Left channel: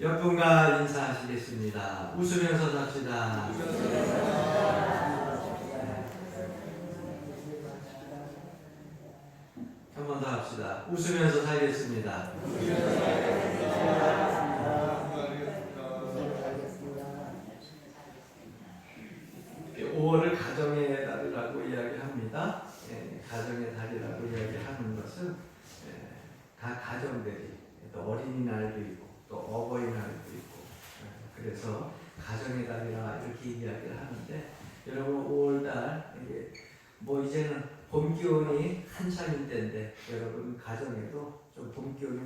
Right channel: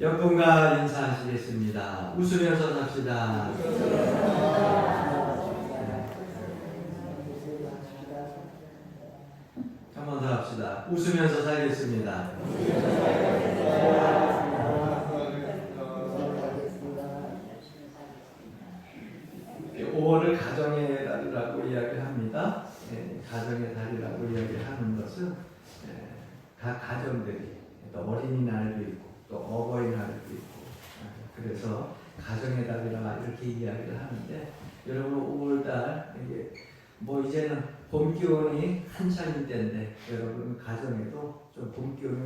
옆분과 인사하시겠습니다. 웃으면서 삽시다. 한 번 더 합시다. 웃으면서 살겠습니다. 5월을 가정의 달이라고 이야기합니다. 가정의 달이라고 이야기하는 것은 각 가정들이 또 어린이날도 있고 또 어버이날도 있고 그래서 가정의 달이라 이렇게 이야기를 하는데 여러분 5월달 이게 뭐 이제는 봄 기온이 한창인 때인데 여러분 가정에도 좀 봄 기온이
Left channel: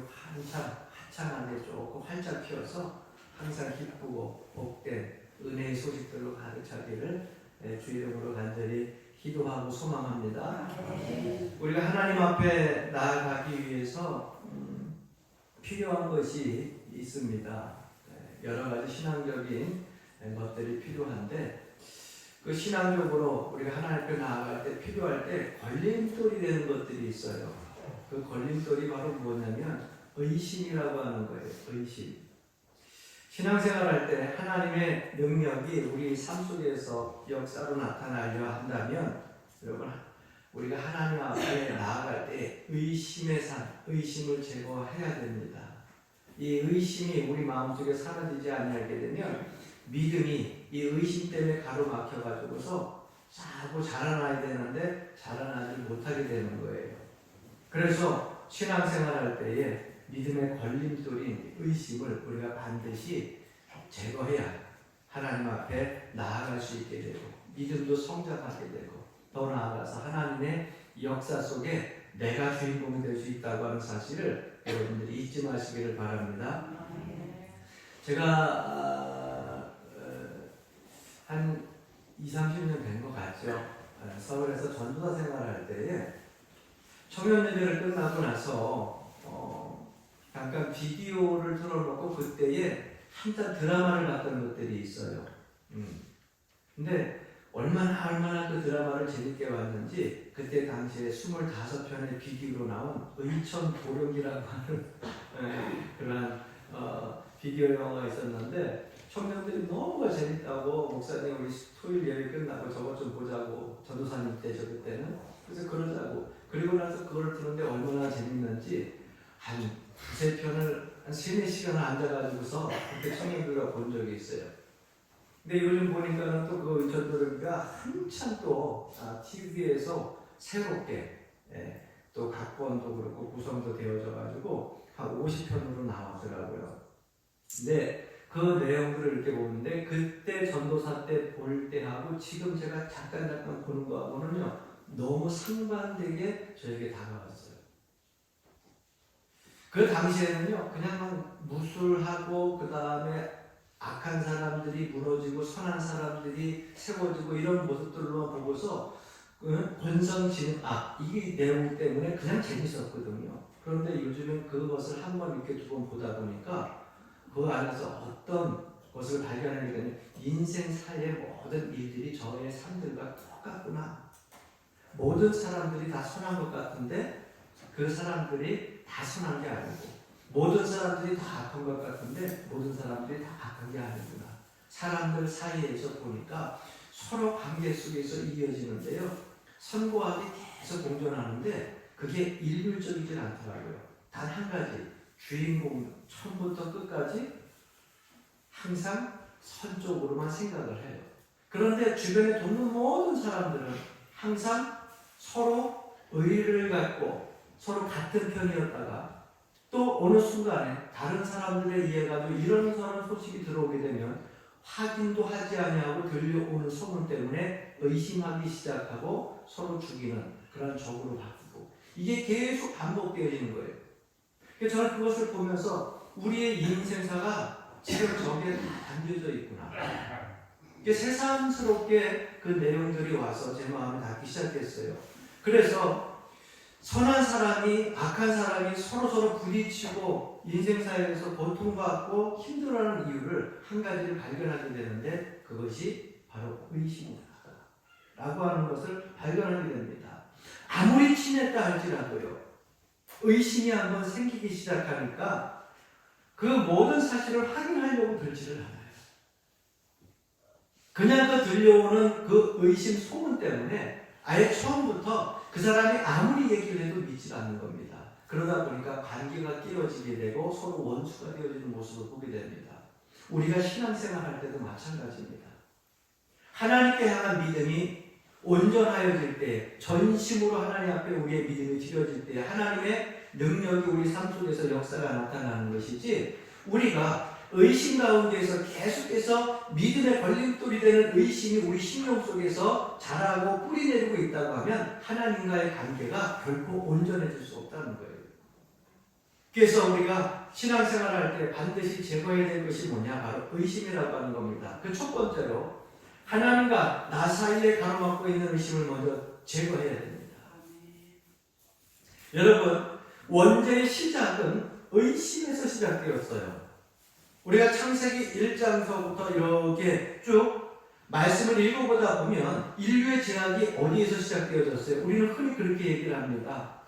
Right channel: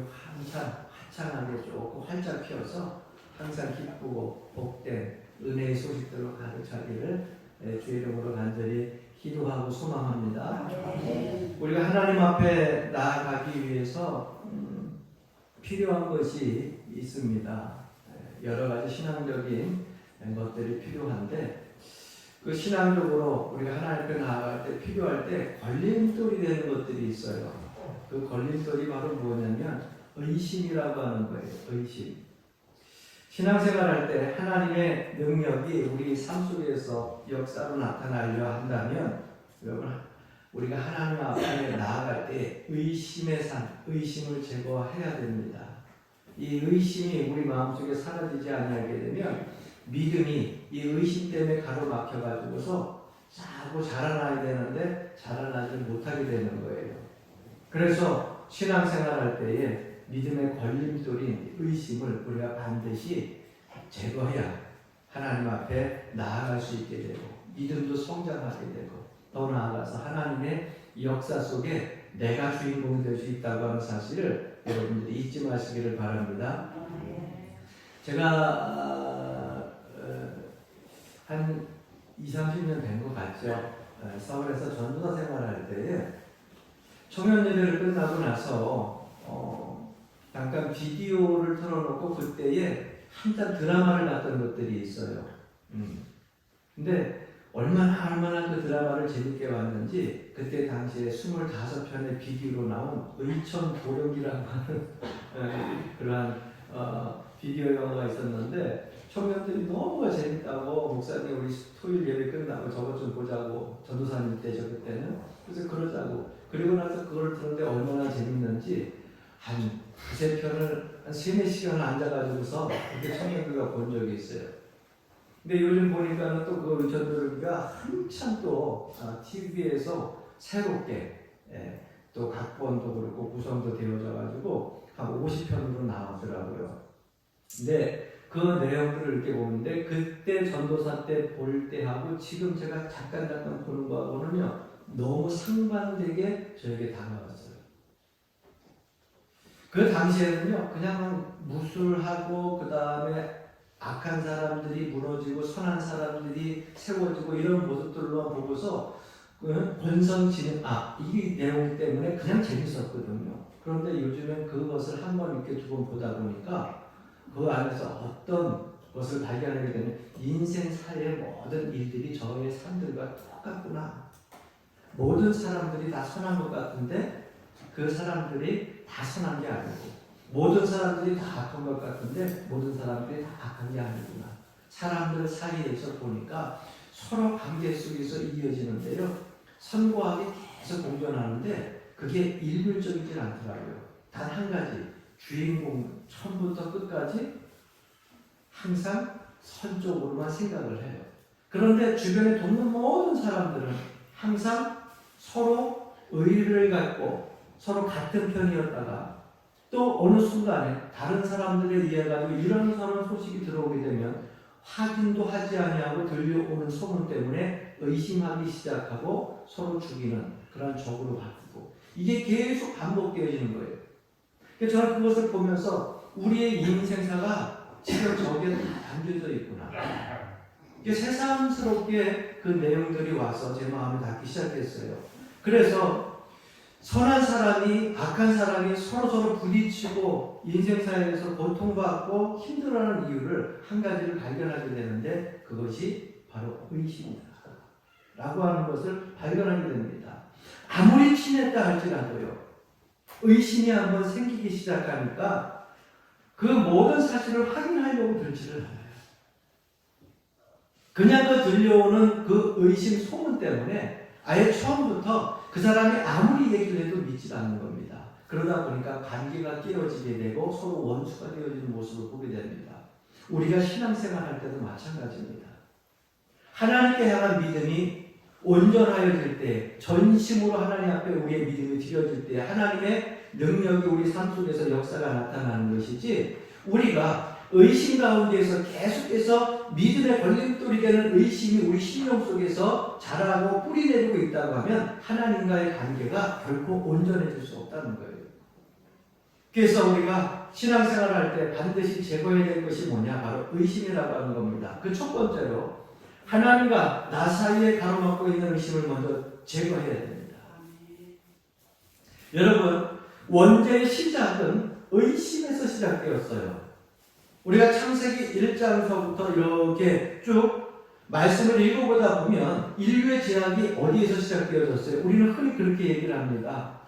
화창하게 조금 활짝 피어서 항상 기쁘고 복된 은혜의 소식들로 가득 차기를 주의 이름으로 간절히 기도하고 소망합니다. 우리가 하나님 앞에 나아가기 위해서 필요한 것이 있습니다. 여러 가지 신앙적인 것들이 필요한데 그 신앙적으로 우리가 하나님 앞에 나아갈 때 필요할 때 걸림돌이 되는 것들이 있어요. 그 걸림돌이 바로 뭐냐면 의심이라고 하는 거예요. 의심. 신앙생활할 때 하나님의 능력이 우리 삶 속에서 역사로 나타나려 한다면 여러분 우리가 하나님 앞에 나아갈 때 의심의 산, 의심을 제거해야 됩니다. 이 의심이 우리 마음속에 사라지지 아니하게 되면 믿음이 이 의심 때문에 가로막혀가지고서 자꾸 자라나야 되는데 자라나지 못하게 되는 거예요. 그래서 신앙생활할 때에 믿음의 걸림돌인 의심을 우리가 반드시 제거해야 하나님 앞에 나아갈 수 있게 되고 믿음도 성장하게 되고 더 나아가서 하나님의 역사 속에 내가 주인공이 될 수 있다고 하는 사실을 여러분들이 잊지 마시기를 바랍니다. 제가 한 20-30년 된 것 같죠. 서울에서 전도사 생활할 때에 청년 예배를 끝나고 나서 잠깐 비디오를 틀어놓고 그때에 한참 드라마를 봤던 것들이 있어요. 근데 얼마나 그 드라마를 재밌게 봤는지 그때 당시에 25편의 비디오로 나온 의천 도령이라고 하는 그런 비디오 영화가 있었는데 청년들이 너무 재밌다고 목사님 우리 토요일 예배 끝나고 저것 좀 보자고 전도사님 때죠 그때는. 그래서 그러자고 그리고 나서 그걸 듣는데 얼마나 재밌는지 한 2-3편을 한 3-4시간 앉아가지고서 그렇게 청년들과 본 적이 있어요. 근데 요즘 보니까는 또 그 의천도령이가 한참 또 TV에서 새롭게 또 각본도 그렇고 구성도 되어져가지고 한 50편으로 나오더라고요. 근데 그 내용들을 이렇게 보는데 그때 전도사 때 볼 때하고 지금 제가 잠깐 보는 거하고는요 너무 상반되게 저에게 다가왔어요. 그 당시에는요 그냥 무술하고 그 다음에 악한 사람들이 무너지고 선한 사람들이 세워지고 이런 모습들로만 보고서 권선징악 이 내용 때문에 그냥 재밌었거든요. 그런데 요즘엔 그것을 한 번 이렇게 2번 보다 보니까 그 안에서 어떤 것을 발견하게 되면 인생사의 모든 일들이 저의 삶들과 똑같구나. 모든 사람들이 다 선한 것 같은데 그 사람들이 다 선한 게 아니고 모든 사람들이 다 악한 것 같은데 모든 사람들이 다 악한 게 아니구나. 사람들 사이에서 보니까 서로 관계 속에서 이어지는데요. 선고하게 계속 공존하는데 그게 일률적이지 않더라고요. 단 한 가지 주인공 처음부터 끝까지 항상 선쪽으로만 생각을 해요. 그런데 주변에 돕는 모든 사람들은 항상 서로 의리를 갖고 서로 같은 편이었다가 또 어느 순간에 다른 사람들에 의해 가지고 이런 소식이 들어오게 되면 확인도 하지 아니하고 들려오는 소문 때문에 의심하기 시작하고 서로 죽이는 그런 적으로 바뀌고 이게 계속 반복되어지는 거예요. 그래서 저는 그것을 보면서 우리의 인생사가 지금 저기에 담겨져 있구나. 이게 새삼스럽게 그 내용들이 와서 제 마음이 닿기 시작했어요. 그래서 선한 사람이 악한 사람이 서로 부딪히고 인생사에서 고통받고 힘들어하는 이유를 한 가지를 발견하게 되는데 그것이 바로 의심이다 라고 하는 것을 발견하게 됩니다. 아무리 친했다 할지라도요 의심이 한번 생기기 시작하니까 그 모든 사실을 확인 그렇지를 않아요. 그냥 그 들려오는 그 의심 소문 때문에 아예 처음부터 그 사람이 아무리 얘기를 해도 믿지 않는 겁니다. 그러다 보니까 관계가 깨어지게 되고 서로 원수가 되어지는 모습을 보게 됩니다. 우리가 신앙생활 할 때도 마찬가지입니다. 하나님께 향한 믿음이 온전하여질 때, 전심으로 하나님 앞에 우리의 믿음이 드려질 때 하나님의 능력이 우리 삶 속에서 역사가 나타나는 것이지, 우리가 의심 가운데에서 계속해서 믿음의 걸림돌이 되는 의심이 우리 심령 속에서 자라고 뿌리내리고 있다고 하면 하나님과의 관계가 결코 온전해질 수 없다는 거예요. 그래서 우리가 신앙생활을 할 때 반드시 제거해야 될 것이 뭐냐? 바로 의심이라고 하는 겁니다. 그 첫 번째로 하나님과 나 사이에 가로막고 있는 의심을 먼저 제거해야 됩니다. 여러분, 원죄의 시작은 의심에서 시작되었어요. 우리가 창세기 1장서부터 이렇게 쭉 말씀을 읽어보다 보면 인류의 죄악이 어디에서 시작되어졌어요? 우리는 흔히 그렇게 얘기를 합니다.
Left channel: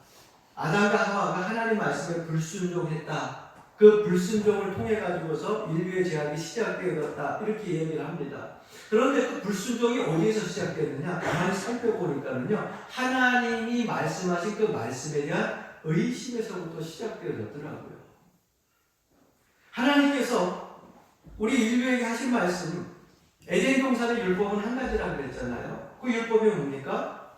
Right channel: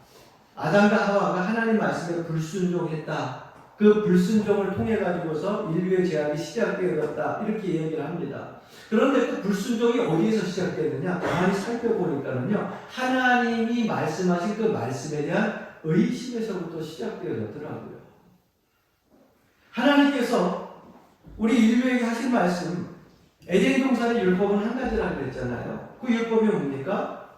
아담과 하와가 하나님 말씀에 불순종했다. 그 불순종을 통해 가지고서 인류의 죄악이 시작되어졌다. 이렇게 얘기를 합니다. 그런데 그 불순종이 어디에서 시작되었느냐? 가만히 살펴보니까는요, 하나님이 말씀하신 그 말씀에 대한 의심에서부터 시작되어졌더라고요. 하나님께서 우리 인류에게 하신 말씀, 에덴 동산의 율법은 한 가지라고 그랬잖아요. 그 율법이 뭡니까?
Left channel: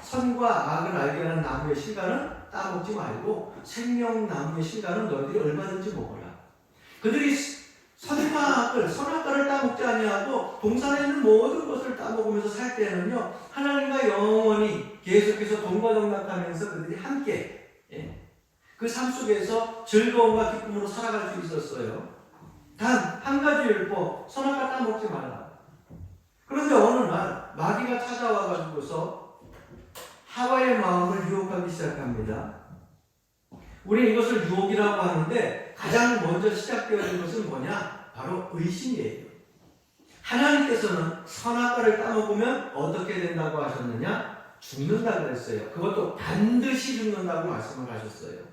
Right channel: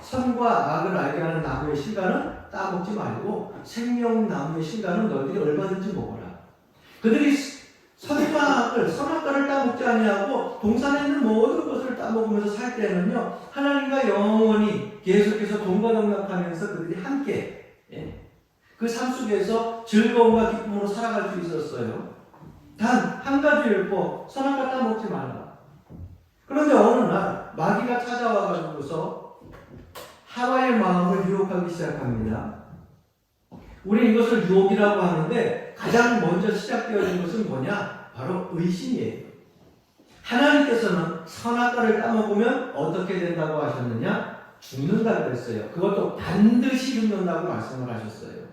선과 악을 알게 하는 나무의 실과는 따먹지 말고 생명나무의 실과는 너희들이 얼마든지 먹어라. 그들이 선과 악을, 선악과를 따먹지 아니하고 동산에 있는 모든 것을 따먹으면서 살 때는요, 하나님과 영원히 계속해서 동거동락하면서 그들이 함께 그 삶 속에서 즐거움과 기쁨으로 살아갈 수 있었어요. 단 한 가지 율법, 선악과 따먹지 말라. 그런데 어느 날 마귀가 찾아와 가지고서 하와의 마음을 유혹하기 시작합니다. 우리는 이것을 유혹이라고 하는데 가장 먼저 시작되어진 것은 뭐냐? 바로 의심이에요. 하나님께서는 선악과를 따먹으면 어떻게 된다고 하셨느냐? 죽는다고 그랬어요. 그것도 반드시 죽는다고 말씀을 하셨어요.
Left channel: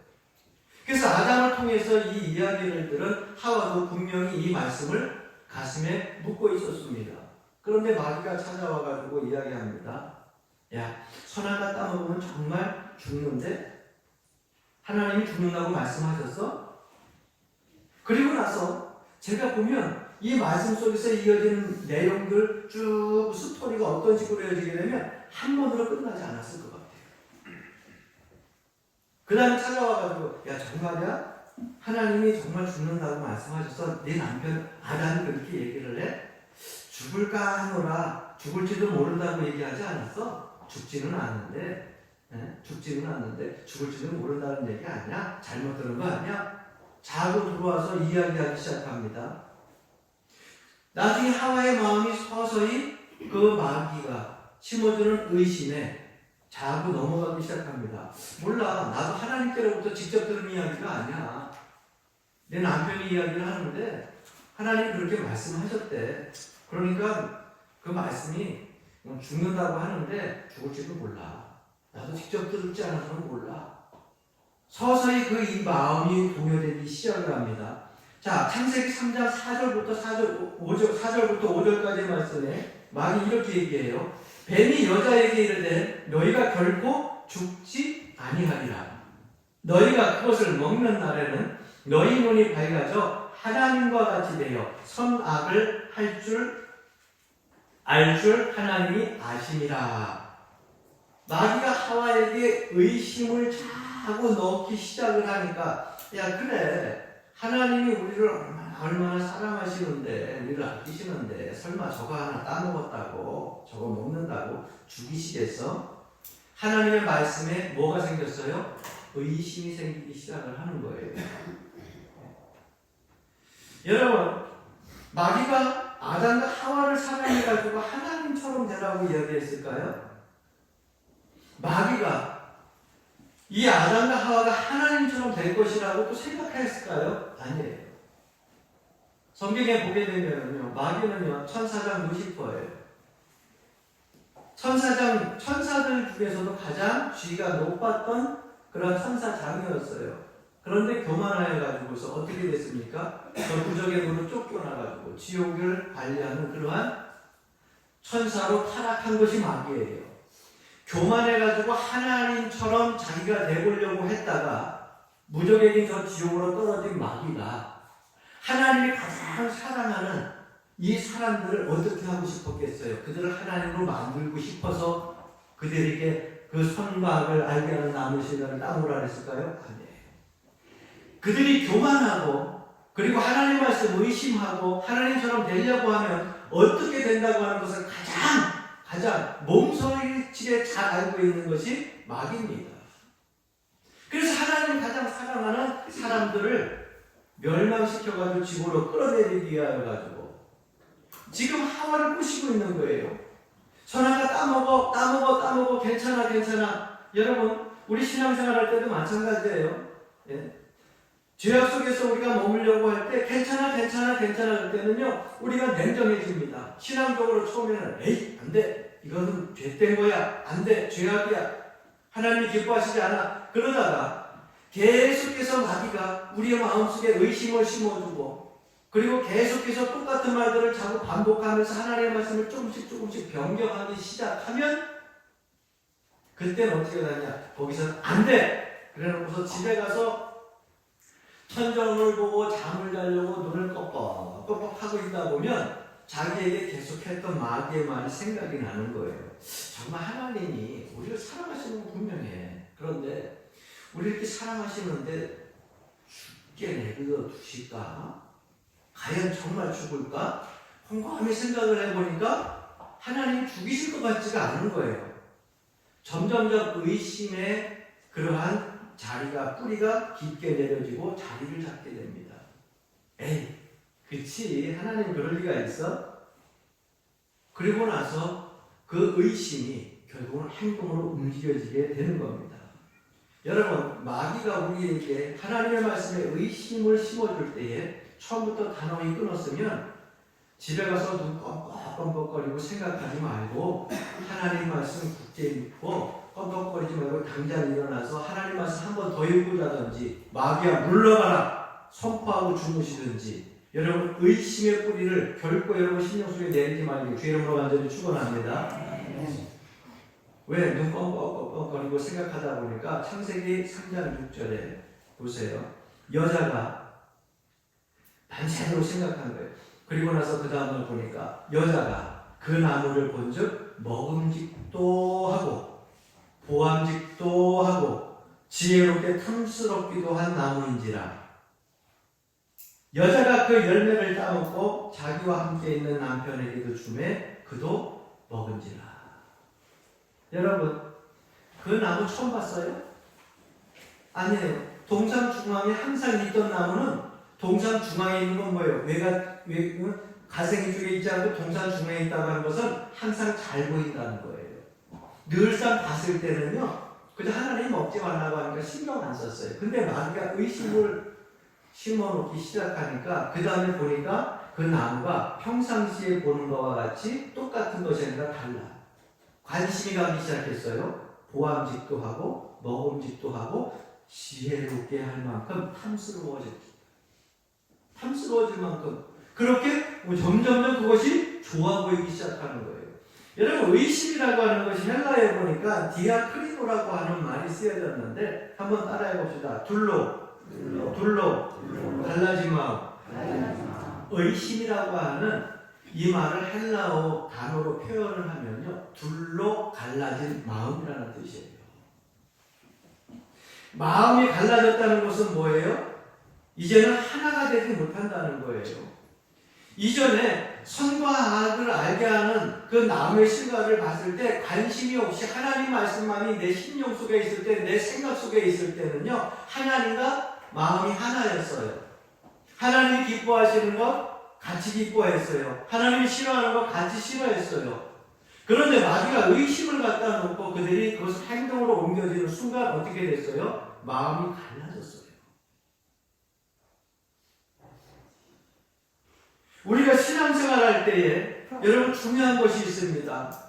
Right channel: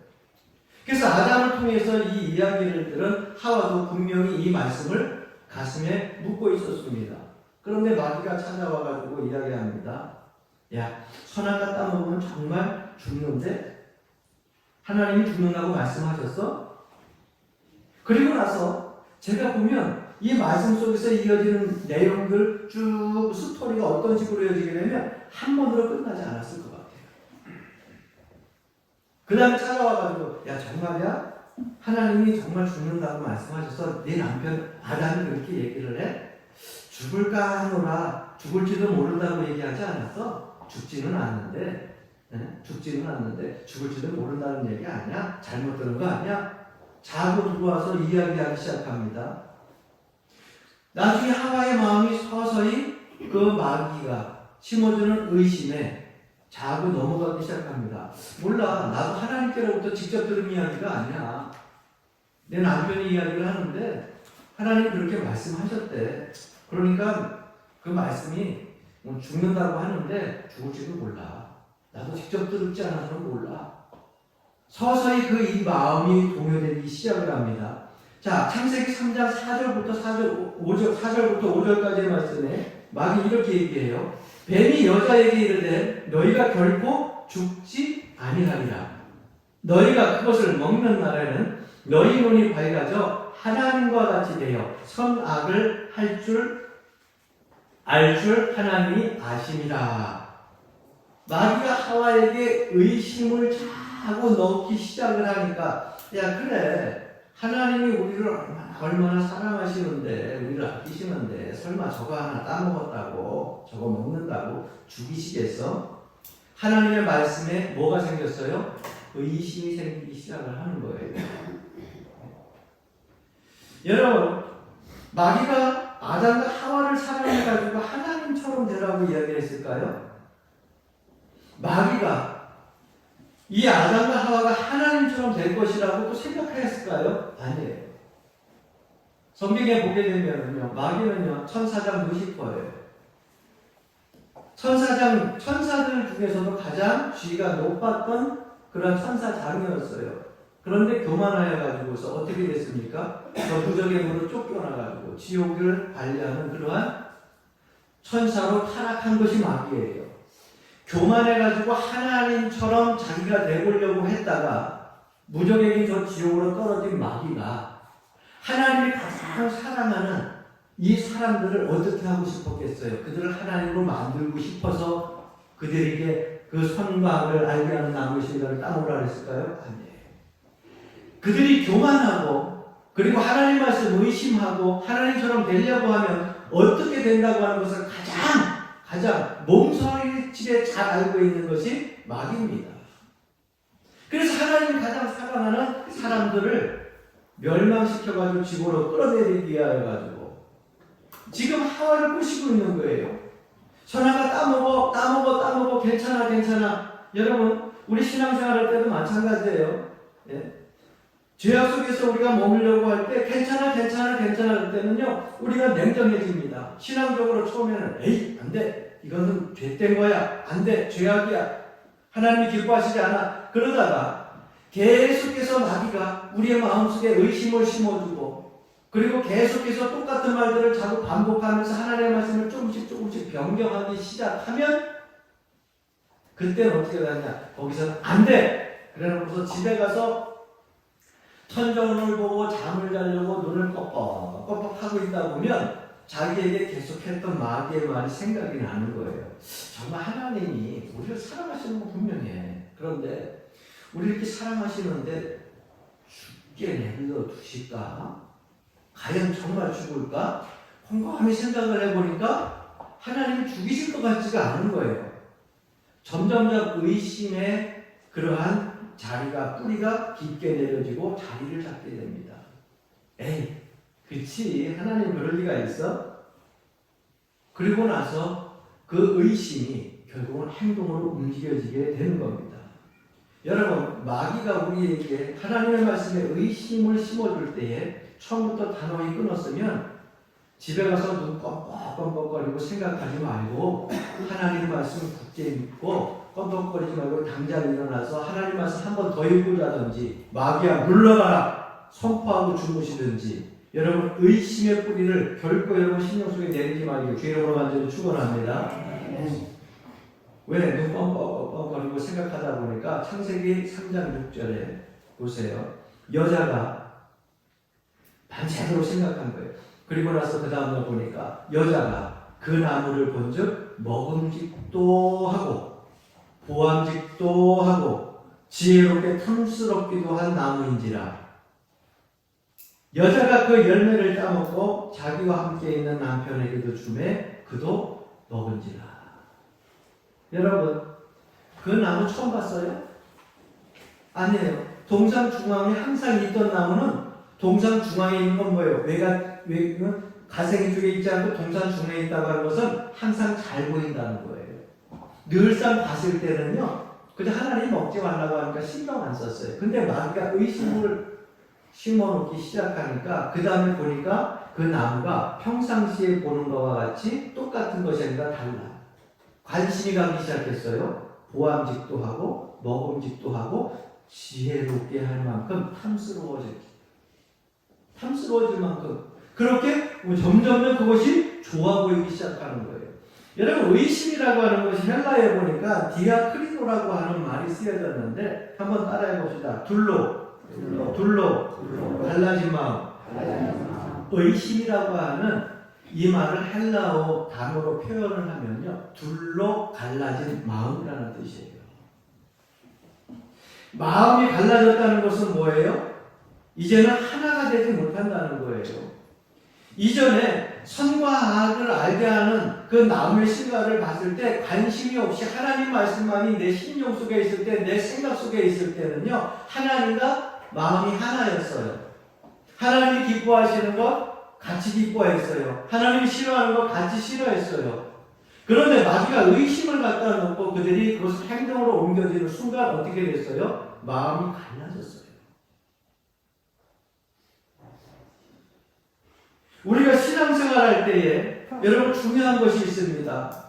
그래서 아담을 통해서 이 이야기를 들은 하와도 분명히 이 말씀을 가슴에 묻고 있었습니다. 그런데 마귀가 찾아와가지고 이야기합니다. 야, 선악과 따먹으면 정말 죽는데? 하나님이 죽는다고 말씀하셨어? 그리고 나서 제가 보면 이 말씀 속에서 이어지는 내용들 쭉 스토리가 어떤 식으로 이어지게 되면 한 번으로 끝나지 않았을 것 같아요. 그 다음에 찾아와가지고 야, 정말이야? 하나님이 정말 죽는다고 말씀하셔서 네 남편 아담이 그렇게 얘기를 해? 죽을까 하노라, 죽을지도 모른다고 얘기하지 않았어? 죽지는 않는데 죽을지도 모른다는 얘기 아니야? 잘못 들은 거 아니야? 자고 들어와서 이야기하기 시작합니다. 나중에 하와의 마음이 서서히 그 마귀가 심어주는 의심에 자고 넘어가기 시작합니다. 몰라, 나도 하나님께로부터 직접 들은 이야기가 아니야. 내 남편이 이야기를 하는데 하나님 그렇게 말씀하셨대. 그러니까 그 말씀이 죽는다고 하는데 죽을지도 몰라. 나도 직접 들었지 않아서 몰라. 서서히 그 이 마음이 동요되기 시작을 합니다. 자, 창세기 3장 4절부터 5절까지의 말씀에 마귀 이렇게 얘기해요. 뱀이 여자에게 이르되 너희가 결코 죽지 아니하리라. 너희가 그것을 먹는 날에는 너희 눈이 밝아져 하나님과 같이 되어 선악을 알 줄 하나님이 아시니라. 마귀가 하와에게 의심을 자꾸 넣기 시작을 하니까, 야, 그래, 하나님이 우리를 얼마나 사랑하시는데, 우리를 아끼시는데 설마 저거 하나 따먹었다고, 저거 먹는다고 죽이시겠어? 하나님의 말씀에 뭐가 생겼어요? 의심이 생기기 시작을 하는 거예요. 여러분, 마귀가 아담과 하와를 사랑해가지고 하나님처럼 되라고 이야기했을까요? 마귀가 이 아담과 하와가 하나님처럼 될 것이라고 또 생각했을까요? 아니에요. 성경에 보게 되면요, 마귀는요, 천사장 루시퍼예요. 천사들 중에서도 가장 지위가 높았던 그런 천사장이었어요. 그런데 교만하여 가지고서 어떻게 됐습니까? 저 무적의 문으로 쫓겨나가지고 지옥을 관리하는 그러한 천사로 타락한 것이 마귀예요. 교만해가지고 하나님처럼 자기가 되보려고 했다가 무적에게 저 지옥으로 떨어진 마귀가 하나님이 가장 사랑하는 이 사람들을 어떻게 하고 싶었겠어요? 그들을 하나님으로 만들고 싶어서 그들에게 그 선과 악을 알게 하는 나무의 실과를 따먹으라 했을까요? 아니에요. 그들이 교만하고 그리고 하나님 말씀 의심하고 하나님처럼 되려고 하면 어떻게 된다고 하는 것을 가장 몸서리치게 잘 알고 있는 것이 마귀입니다. 그래서 하나님이 가장 사랑하는 사람들을 멸망시켜가지고 지구로 끌어내리기 위하여 가지고 지금 하와를 꼬시고 있는 거예요. 선아가 따먹어 괜찮아. 여러분 우리 신앙생활 할 때도 마찬가지예요. 예? 죄악 속에서 우리가 머물려고 할 때 괜찮아 할 때는요 우리가 냉정해집니다. 신앙적으로 처음에는 에이 안돼 이거는 죄된 거야 안돼 죄악이야 하나님이 기뻐하시지 않아. 그러다가 계속해서 마귀가 우리의 마음속에 의심을 심어주고 그리고 계속해서 똑같은 말들을 자꾸 반복하면서 하나님의 말씀을 조금씩 변경하기 시작하면 그때는 어떻게 되냐 거기서는 안돼 그래놓고서 집에 가서 천정을 보고 잠을 자려고 눈을 껌뻑 하고 있다 보면 자기에게 계속했던 마귀의 말이 생각이 나는 거예요. 정말 하나님이 우리를 사랑하시는 건 분명해. 그런데 우리 이렇게 사랑하시는데 죽게 내버려 두실까? 과연 정말 죽을까? 곰곰이 생각을 해보니까 하나님 죽이실 것 같지가 않은 거예요. 점점점 의심의 그러한 자리가 뿌리가 깊게 내려지고 자리를 잡게 됩니다. 에이, 그치 하나님 그럴 리가 있어? 그리고 나서 그 의심이 결국은 행동으로 움직여지게 되는 겁니다. 여러분 마귀가 우리에게 하나님의 말씀에 의심을 심어줄 때에 처음부터 단호히 끊었으면 집에 가서 눈 껌뻑껌뻑거리고 생각하지 말고 하나님 말씀 굳게 믿고 껌뻑거리지 말고 당장 일어나서 하나님 말씀 한 번 더 읽고자든지 마귀야 물러가라 선포하고 주무시든지 여러분 의심의 뿌리를 결코 여러분 신령 속에 내리지 말고 주 이름으로 완전히 축원합니다. 왜 눈 껌뻑껌뻑거리고 생각하다 보니까 창세기 3장 6절에 보세요. 여자가 반대로 생각한 거예요. 그리고 나서 그 다음날 보니까 여자가 그 나무를 본즉 먹음직도 하고 보암직도 하고 지혜롭게 탐스럽기도 한 나무인지라. 여자가 그 열매를 따먹고 자기와 함께 있는 남편에게도 주매 그도 먹은지라. 여러분 그 나무 처음 봤어요? 아니에요. 동상 중앙에 항상 있던 나무는 동상 중앙에 있는 건 뭐예요? 가생이 쪽에 있지 않고 동상 중앙에 있다고 하는 것은 항상 잘 보인다는 거예요. 늘상 봤을 때는요 그저 하나님 먹지 말라고 하니까 신경 안 썼어요. 근데 마귀가 의심을 심어놓기 시작하니까 그 다음에 보니까 그 나무가 평상시에 보는 것과 같이 똑같은 것이 아니라 달라. 관심이 가기 시작했어요. 보암직도 하고 먹음직도 하고 지혜롭게 할 만큼 탐스러워질 만큼 그렇게 점점 그것이 좋아 보이기 시작하는 거예요. 여러분 의심이라고 하는 것이 헬라에 보니까 디아크리노라고 하는 말이 쓰여졌는데 한번 따라해 봅시다. 둘로 갈라진 마음. 의심이라고 하는 이 말을 헬라어 단어로 표현을 하면요 둘로 갈라진 마음이라는 뜻이에요. 마음이 갈라졌다는 것은 뭐예요? 이제는 하나가 되지 못한다는 거예요. 이전에 선과 악을 알게 하는 그 나무의 실과를 봤을 때 관심이 없이 하나님 말씀만이 내 심령 속에 있을 때, 내 생각 속에 있을 때는요 하나님과 마음이 하나였어요. 하나님이 기뻐하시는 것 같이 기뻐했어요. 하나님이 싫어하는 것 같이 싫어했어요. 그런데 마귀가 의심을 갖다 놓고 그들이 그것을 행동으로 옮겨지는 순간 어떻게 됐어요? 마음이 갈라졌어요. 우리가 신앙생활 할 때에 여러분 중요한 것이 있습니다.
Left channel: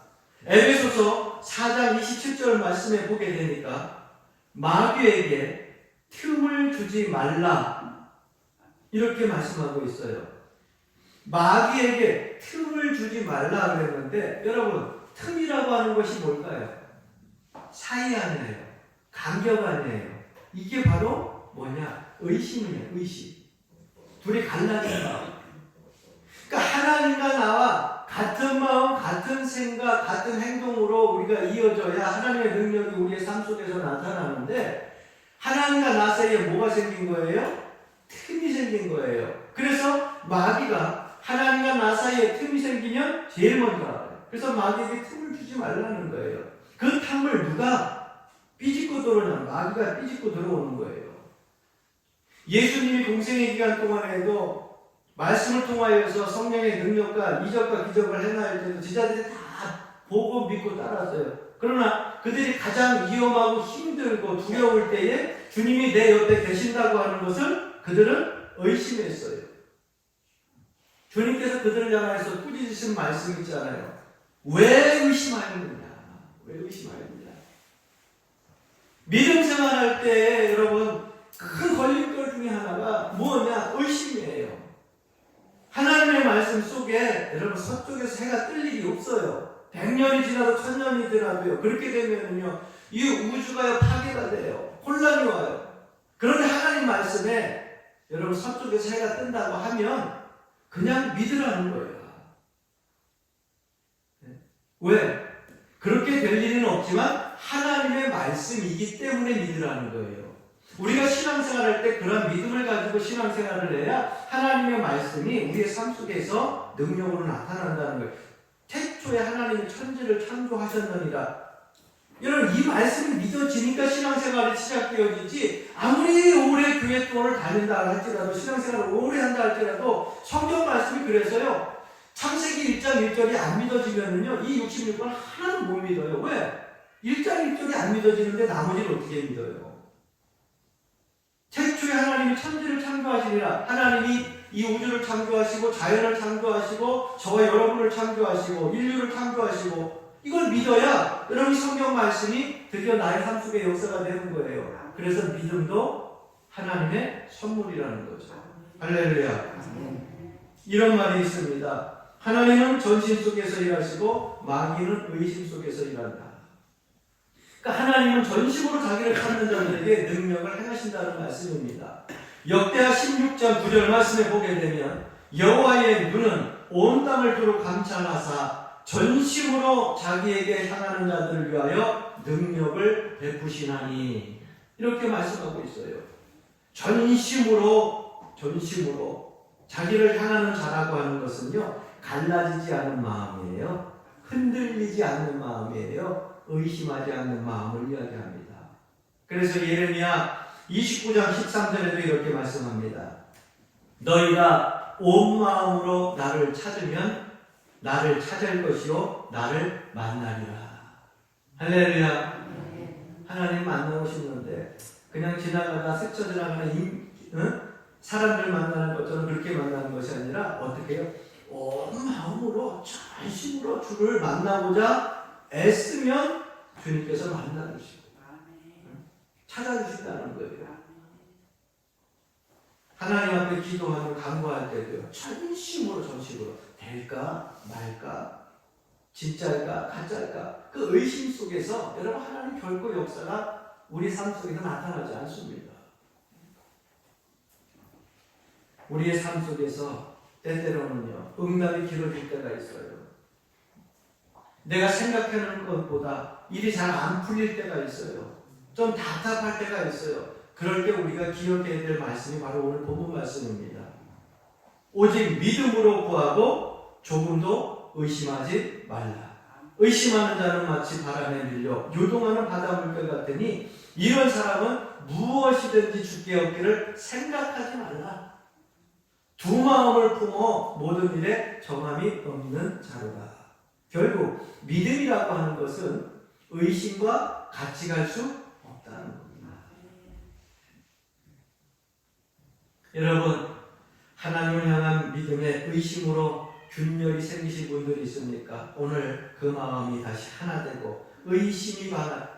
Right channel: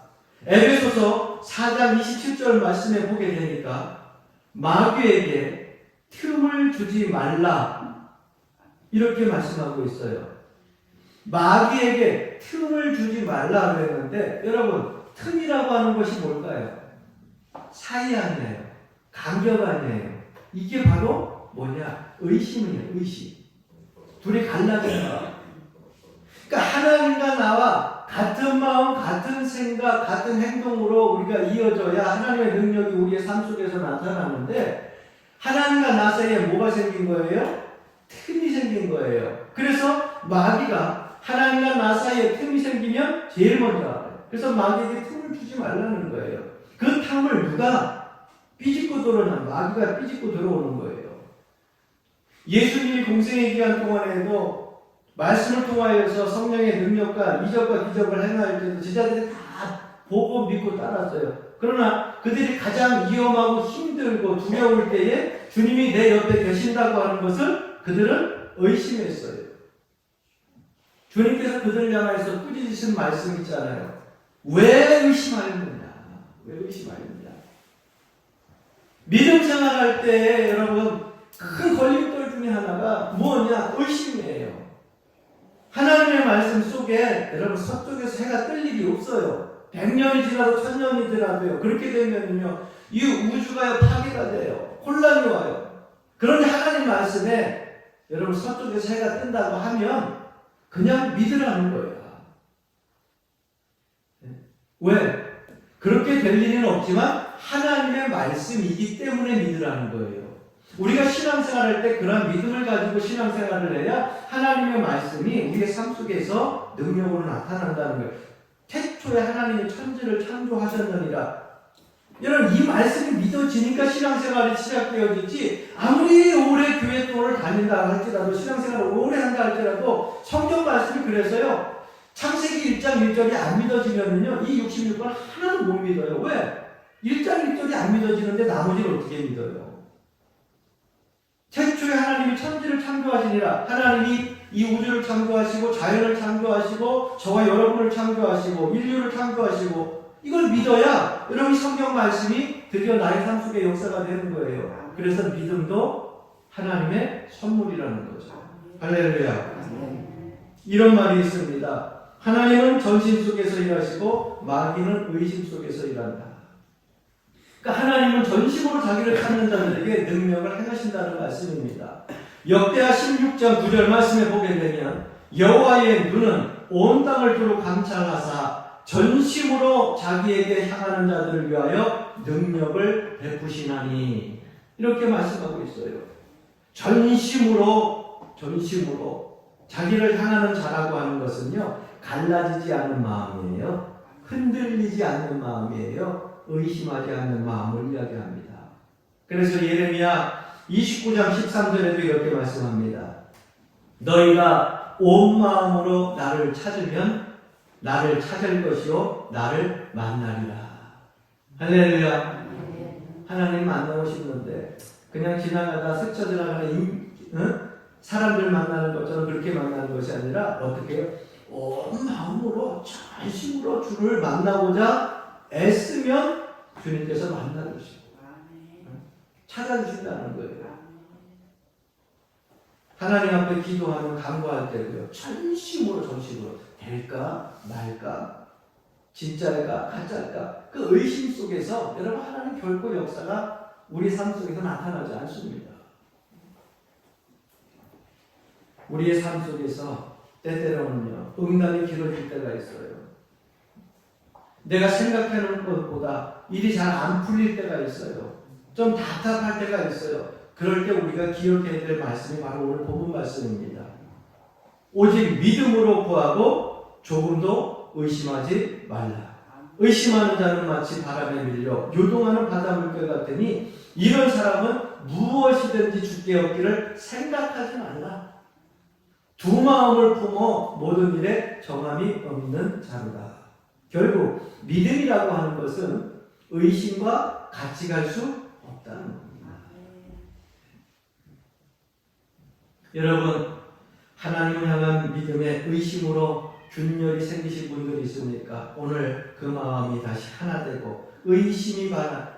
에베소서 4장 27절 말씀에 보게 되니까 마귀에게 틈을 주지 말라. 이렇게 말씀하고 있어요. 마귀에게 틈을 주지 말라 그랬는데 여러분 틈이라고 하는 것이 뭘까요? 사이 아니에요. 간격 아니에요. 이게 바로 뭐냐? 의심이에요. 의심. 둘이 갈라진 마음. 그러니까 하나님과 나와 같은 마음, 같은 생각, 같은 행동으로 우리가 이어져야 하나님의 능력이 우리의 삶 속에서 나타나는데 하나님과 나 사이에 뭐가 생긴 거예요? 틈이 생긴 거예요. 그래서 마귀가 하나님과 나 사이에 틈이 생기면 제일 먼저 알아요. 그래서 마귀에게 틈을 주지 말라는 거예요. 그 틈을 누가 삐집고 들어오냐? 마귀가 삐집고 들어오는 거예요. 예수님이 공생의 기간 동안에도 말씀을 통하여서 성령의 능력과 이적과 기적을 행할 때도 제자들이 다 보고 믿고 따랐어요. 그러나 그들이 가장 위험하고 힘들고 두려울 때에 주님이 내 옆에 계신다고 하는 것을 그들은 의심했어요. 주님께서 그들을 향해서 꾸짖으신 말씀 있잖아요. 왜 의심하였느냐? 왜 의심하였느냐? 믿음 생활할 때 여러분 큰 걸림돌 중에 하나가 뭐냐? 의심이에요. 하나님의 말씀 속에 여러분 서쪽에서 해가 뜰 일이 없어요. 100년이 지나도 1000년이 지나도요. 그렇게 되면요 이 우주가 파괴가 돼요. 혼란이 와요. 그런데 하나님 말씀에 여러분 서쪽에서 해가 뜬다고 하면 그냥 믿으라는 거예요. 왜? 그렇게 될 일은 없지만 하나님의 말씀이기 때문에 믿으라는 거예요. 우리가 신앙생활할 때 그런 믿음을 가지고 신앙생활을 해야 하나님의 말씀이 우리의 삶 속에서 능력으로 나타난다는 거예요. 태초에 하나님이 천지를 창조하셨느니라. 여러분 이 말씀이 믿어지니까 신앙생활이 시작되어지지 아무리 오래 교회 동안을 다닌다 할지라도 신앙생활을 오래 한다 할지라도 성경 말씀이 그래서요. 창세기 1장 1절이 안 믿어지면요 이 66번 하나도 못 믿어요. 왜? 1장 1절이 안 믿어지는데 나머지를 어떻게 믿어요? 태초에 하나님이 천지를 창조하시니라. 하나님이 이 우주를 창조하시고 자연을 창조하시고 저와 여러분을 창조하시고 인류를 창조하시고 이걸 믿어야 여러분 성경 말씀이 드디어 나의 삶 속의 역사가 되는 거예요. 그래서 믿음도 하나님의 선물이라는 거죠. 할렐루야. 이런 말이 있습니다. 하나님은 전신 속에서 일하시고 마귀는 의심 속에서 일한다. 그러니까 하나님은 전심으로 자기를 찾는 자들에게 능력을 행하신다는 말씀입니다. 역대하 16장 9절 말씀에 보게 되면 여호와의 눈은 온 땅을 두루 감찰하사 전심으로 자기에게 향하는 자들을 위하여 능력을 베푸시나니 이렇게 말씀하고 있어요. 전심으로 자기를 향하는 자라고 하는 것은요 갈라지지 않은 마음이에요. 흔들리지 않는 마음이에요. 의심하지 않는 마음을 이야기합니다. 그래서 예레미야 29장 13절에도 이렇게 말씀합니다. 너희가 온 마음으로 나를 찾으면 나를 찾을 것이요 나를 만나리라. 할렐루야. 하나님 만나고 싶는데 그냥 지나가다 스쳐 지나가는 사람들 만나는 것처럼 그렇게 만나는 것이 아니라 어떻게 해요? 온 마음으로 전심으로 주를 만나고자 애쓰면 주님께서 만나주시고 찾아주신다는 거예요. 하나님 앞에 기도하면 간구할 때도요. 전심으로 될까 말까 진짜일까 가짜일까 그 의심 속에서 여러분 하나님 결코 역사가 우리 삶 속에서 나타나지 않습니다. 우리의 삶 속에서 때때로는요 응답이 길어질 때가 있어요. 내가 생각하는 것보다 일이 잘 안 풀릴 때가 있어요. 좀 답답할 때가 있어요. 그럴 때 우리가 기억해야 될 말씀이 바로 오늘 본문 말씀입니다. 오직 믿음으로 구하고 조금도 의심하지 말라. 의심하는 자는 마치 바람에 밀려 요동하는 바닷물결 같으니 이런 사람은 무엇이든지 주께 얻기를 생각하지 말라. 두 마음을 품어 모든 일에 정함이 없는 자로다. 결국 믿음이라고 하는 것은 의심과 같이 갈 수 없다는 겁니다. 여러분 하나님을 향한 믿음에 의심으로 균열이 생기신 분들이 있습니까? 오늘 그 마음이 다시 하나 되고 의심이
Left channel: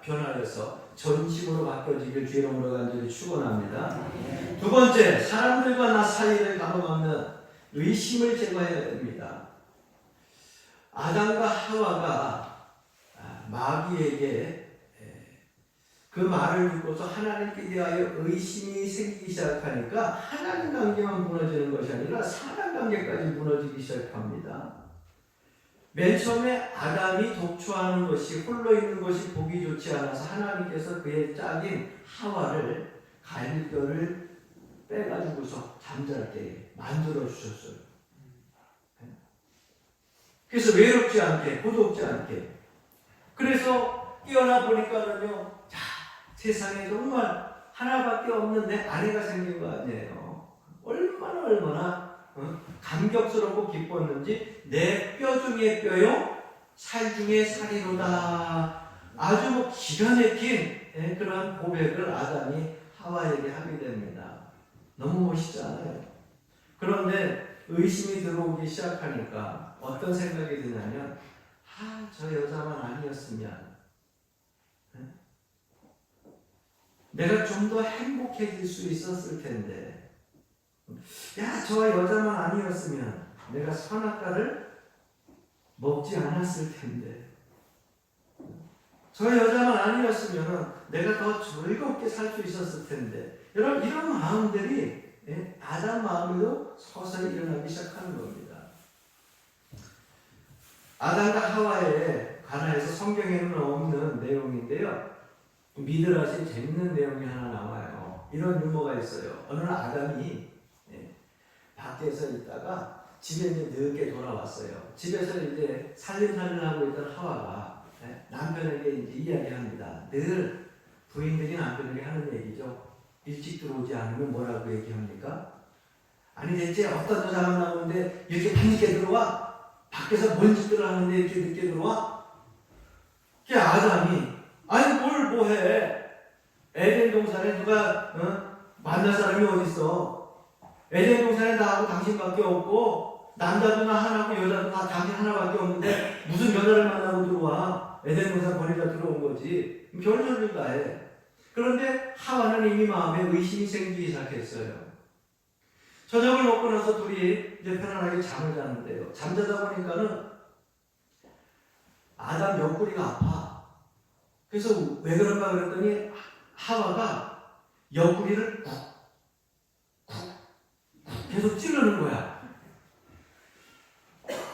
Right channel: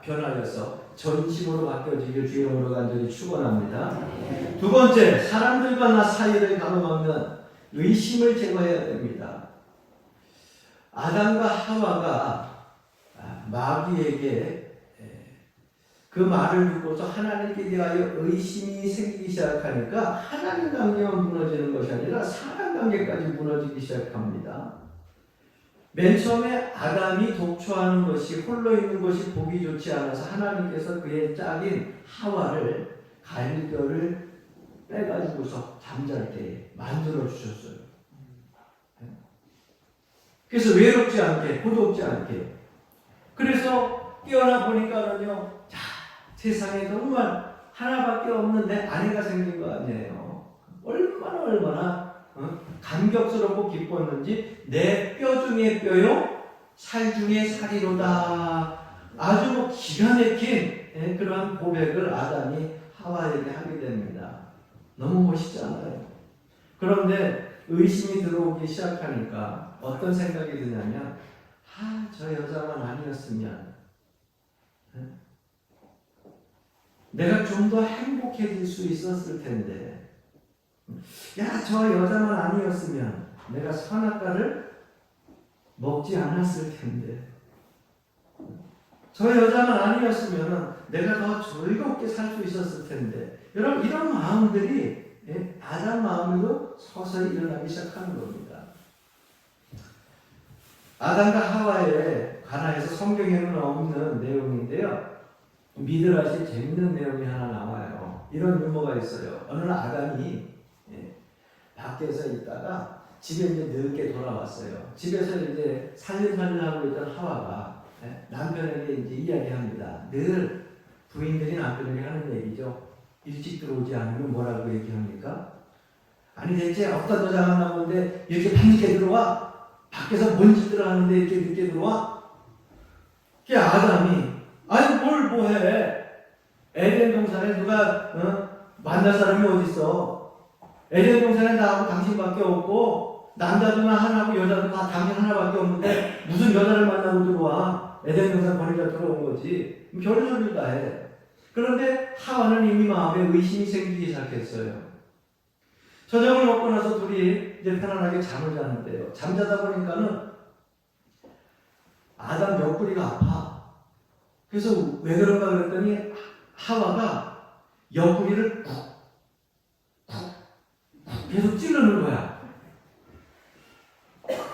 변하여서 전심으로 바뀌어지길 주의 이름으로 간절히 축원합니다. 두 번째, 사람들과 나 사이를 가로막는 의심을 제거해야 됩니다. 아담과 하와가 마귀에게 그 말을 듣고서 하나님께 대하여 의심이 생기기 시작하니까 하나님 관계만 무너지는 것이 아니라 사람 관계까지 무너지기 시작합니다. 맨 처음에 아담이 독초하는 것이, 홀로 있는 것이 보기 좋지 않아서 하나님께서 그의 짝인 하와를, 갈비뼈를 빼가지고서 잠잘 때 만들어 주셨어요. 그래서 외롭지 않게, 고독지 않게. 그래서 깨어나 보니까는요, 세상에 정말 하나밖에 없는 내 아내가 생긴 거 아니에요. 얼마나 감격스럽고 기뻤는지, 내 뼈 중에 뼈요, 살 중에 살이로다. 아주 기가 막힌 그런 고백을 아담이 하와에게 하게 됩니다. 너무 멋있지 않아요? 그런데 의심이 들어오기 시작하니까 어떤 생각이 드냐면, 저 여자만 아니었으면 내가 좀 더 행복해질 수 있었을 텐데, 저 여자만 아니었으면 내가 선악과를 먹지 않았을 텐데, 저 여자만 아니었으면 내가 더 즐겁게 살 수 있었을 텐데. 여러분, 이런 마음들이 아담 마음에도 서서히 일어나기 시작하는 겁니다. 아담과 하와에 관하여서 성경에는 없는 내용인데요, 미드라시 재밌는 내용이 하나 나와요. 이런 유머가 있어요. 어느 날 아담이 밖에서 있다가 집에 이제 늦게 돌아왔어요. 집에서 이제 살림살이를 하고 있던 하와가 남편에게 이제 이야기합니다. 늘 부인들이 남편에게 하는 얘기죠. 일찍 들어오지 않으면 뭐라고 얘기합니까? 아니, 대체 어떤 여자가 나오는데 이렇게 밤늦게 들어와? 밖에서 먼지 들어가는데 이렇게 늦게 들어와? 그게 아담이, 아니 뭘 뭐해? 에덴 동산에 누가 만날 사람이 어딨어? 에덴 동산에 나하고 당신밖에 없고, 남자도 나 하나고 여자도 나 당신 하나밖에 없는데 무슨 여자를 만나고 들어와? 에덴 동산 버리자 들어온 거지. 별소리를 다 해. 그런데 하와는 이미 마음에 의심이 생기기 시작했어요. 저녁을 먹고 나서 둘이 이제 편안하게 잠을 자는데요, 잠자다 보니까는 아담 옆구리가 아파. 그래서 왜 그런가 그랬더니 하와가 옆구리를 쿡쿡 계속 찌르는 거야.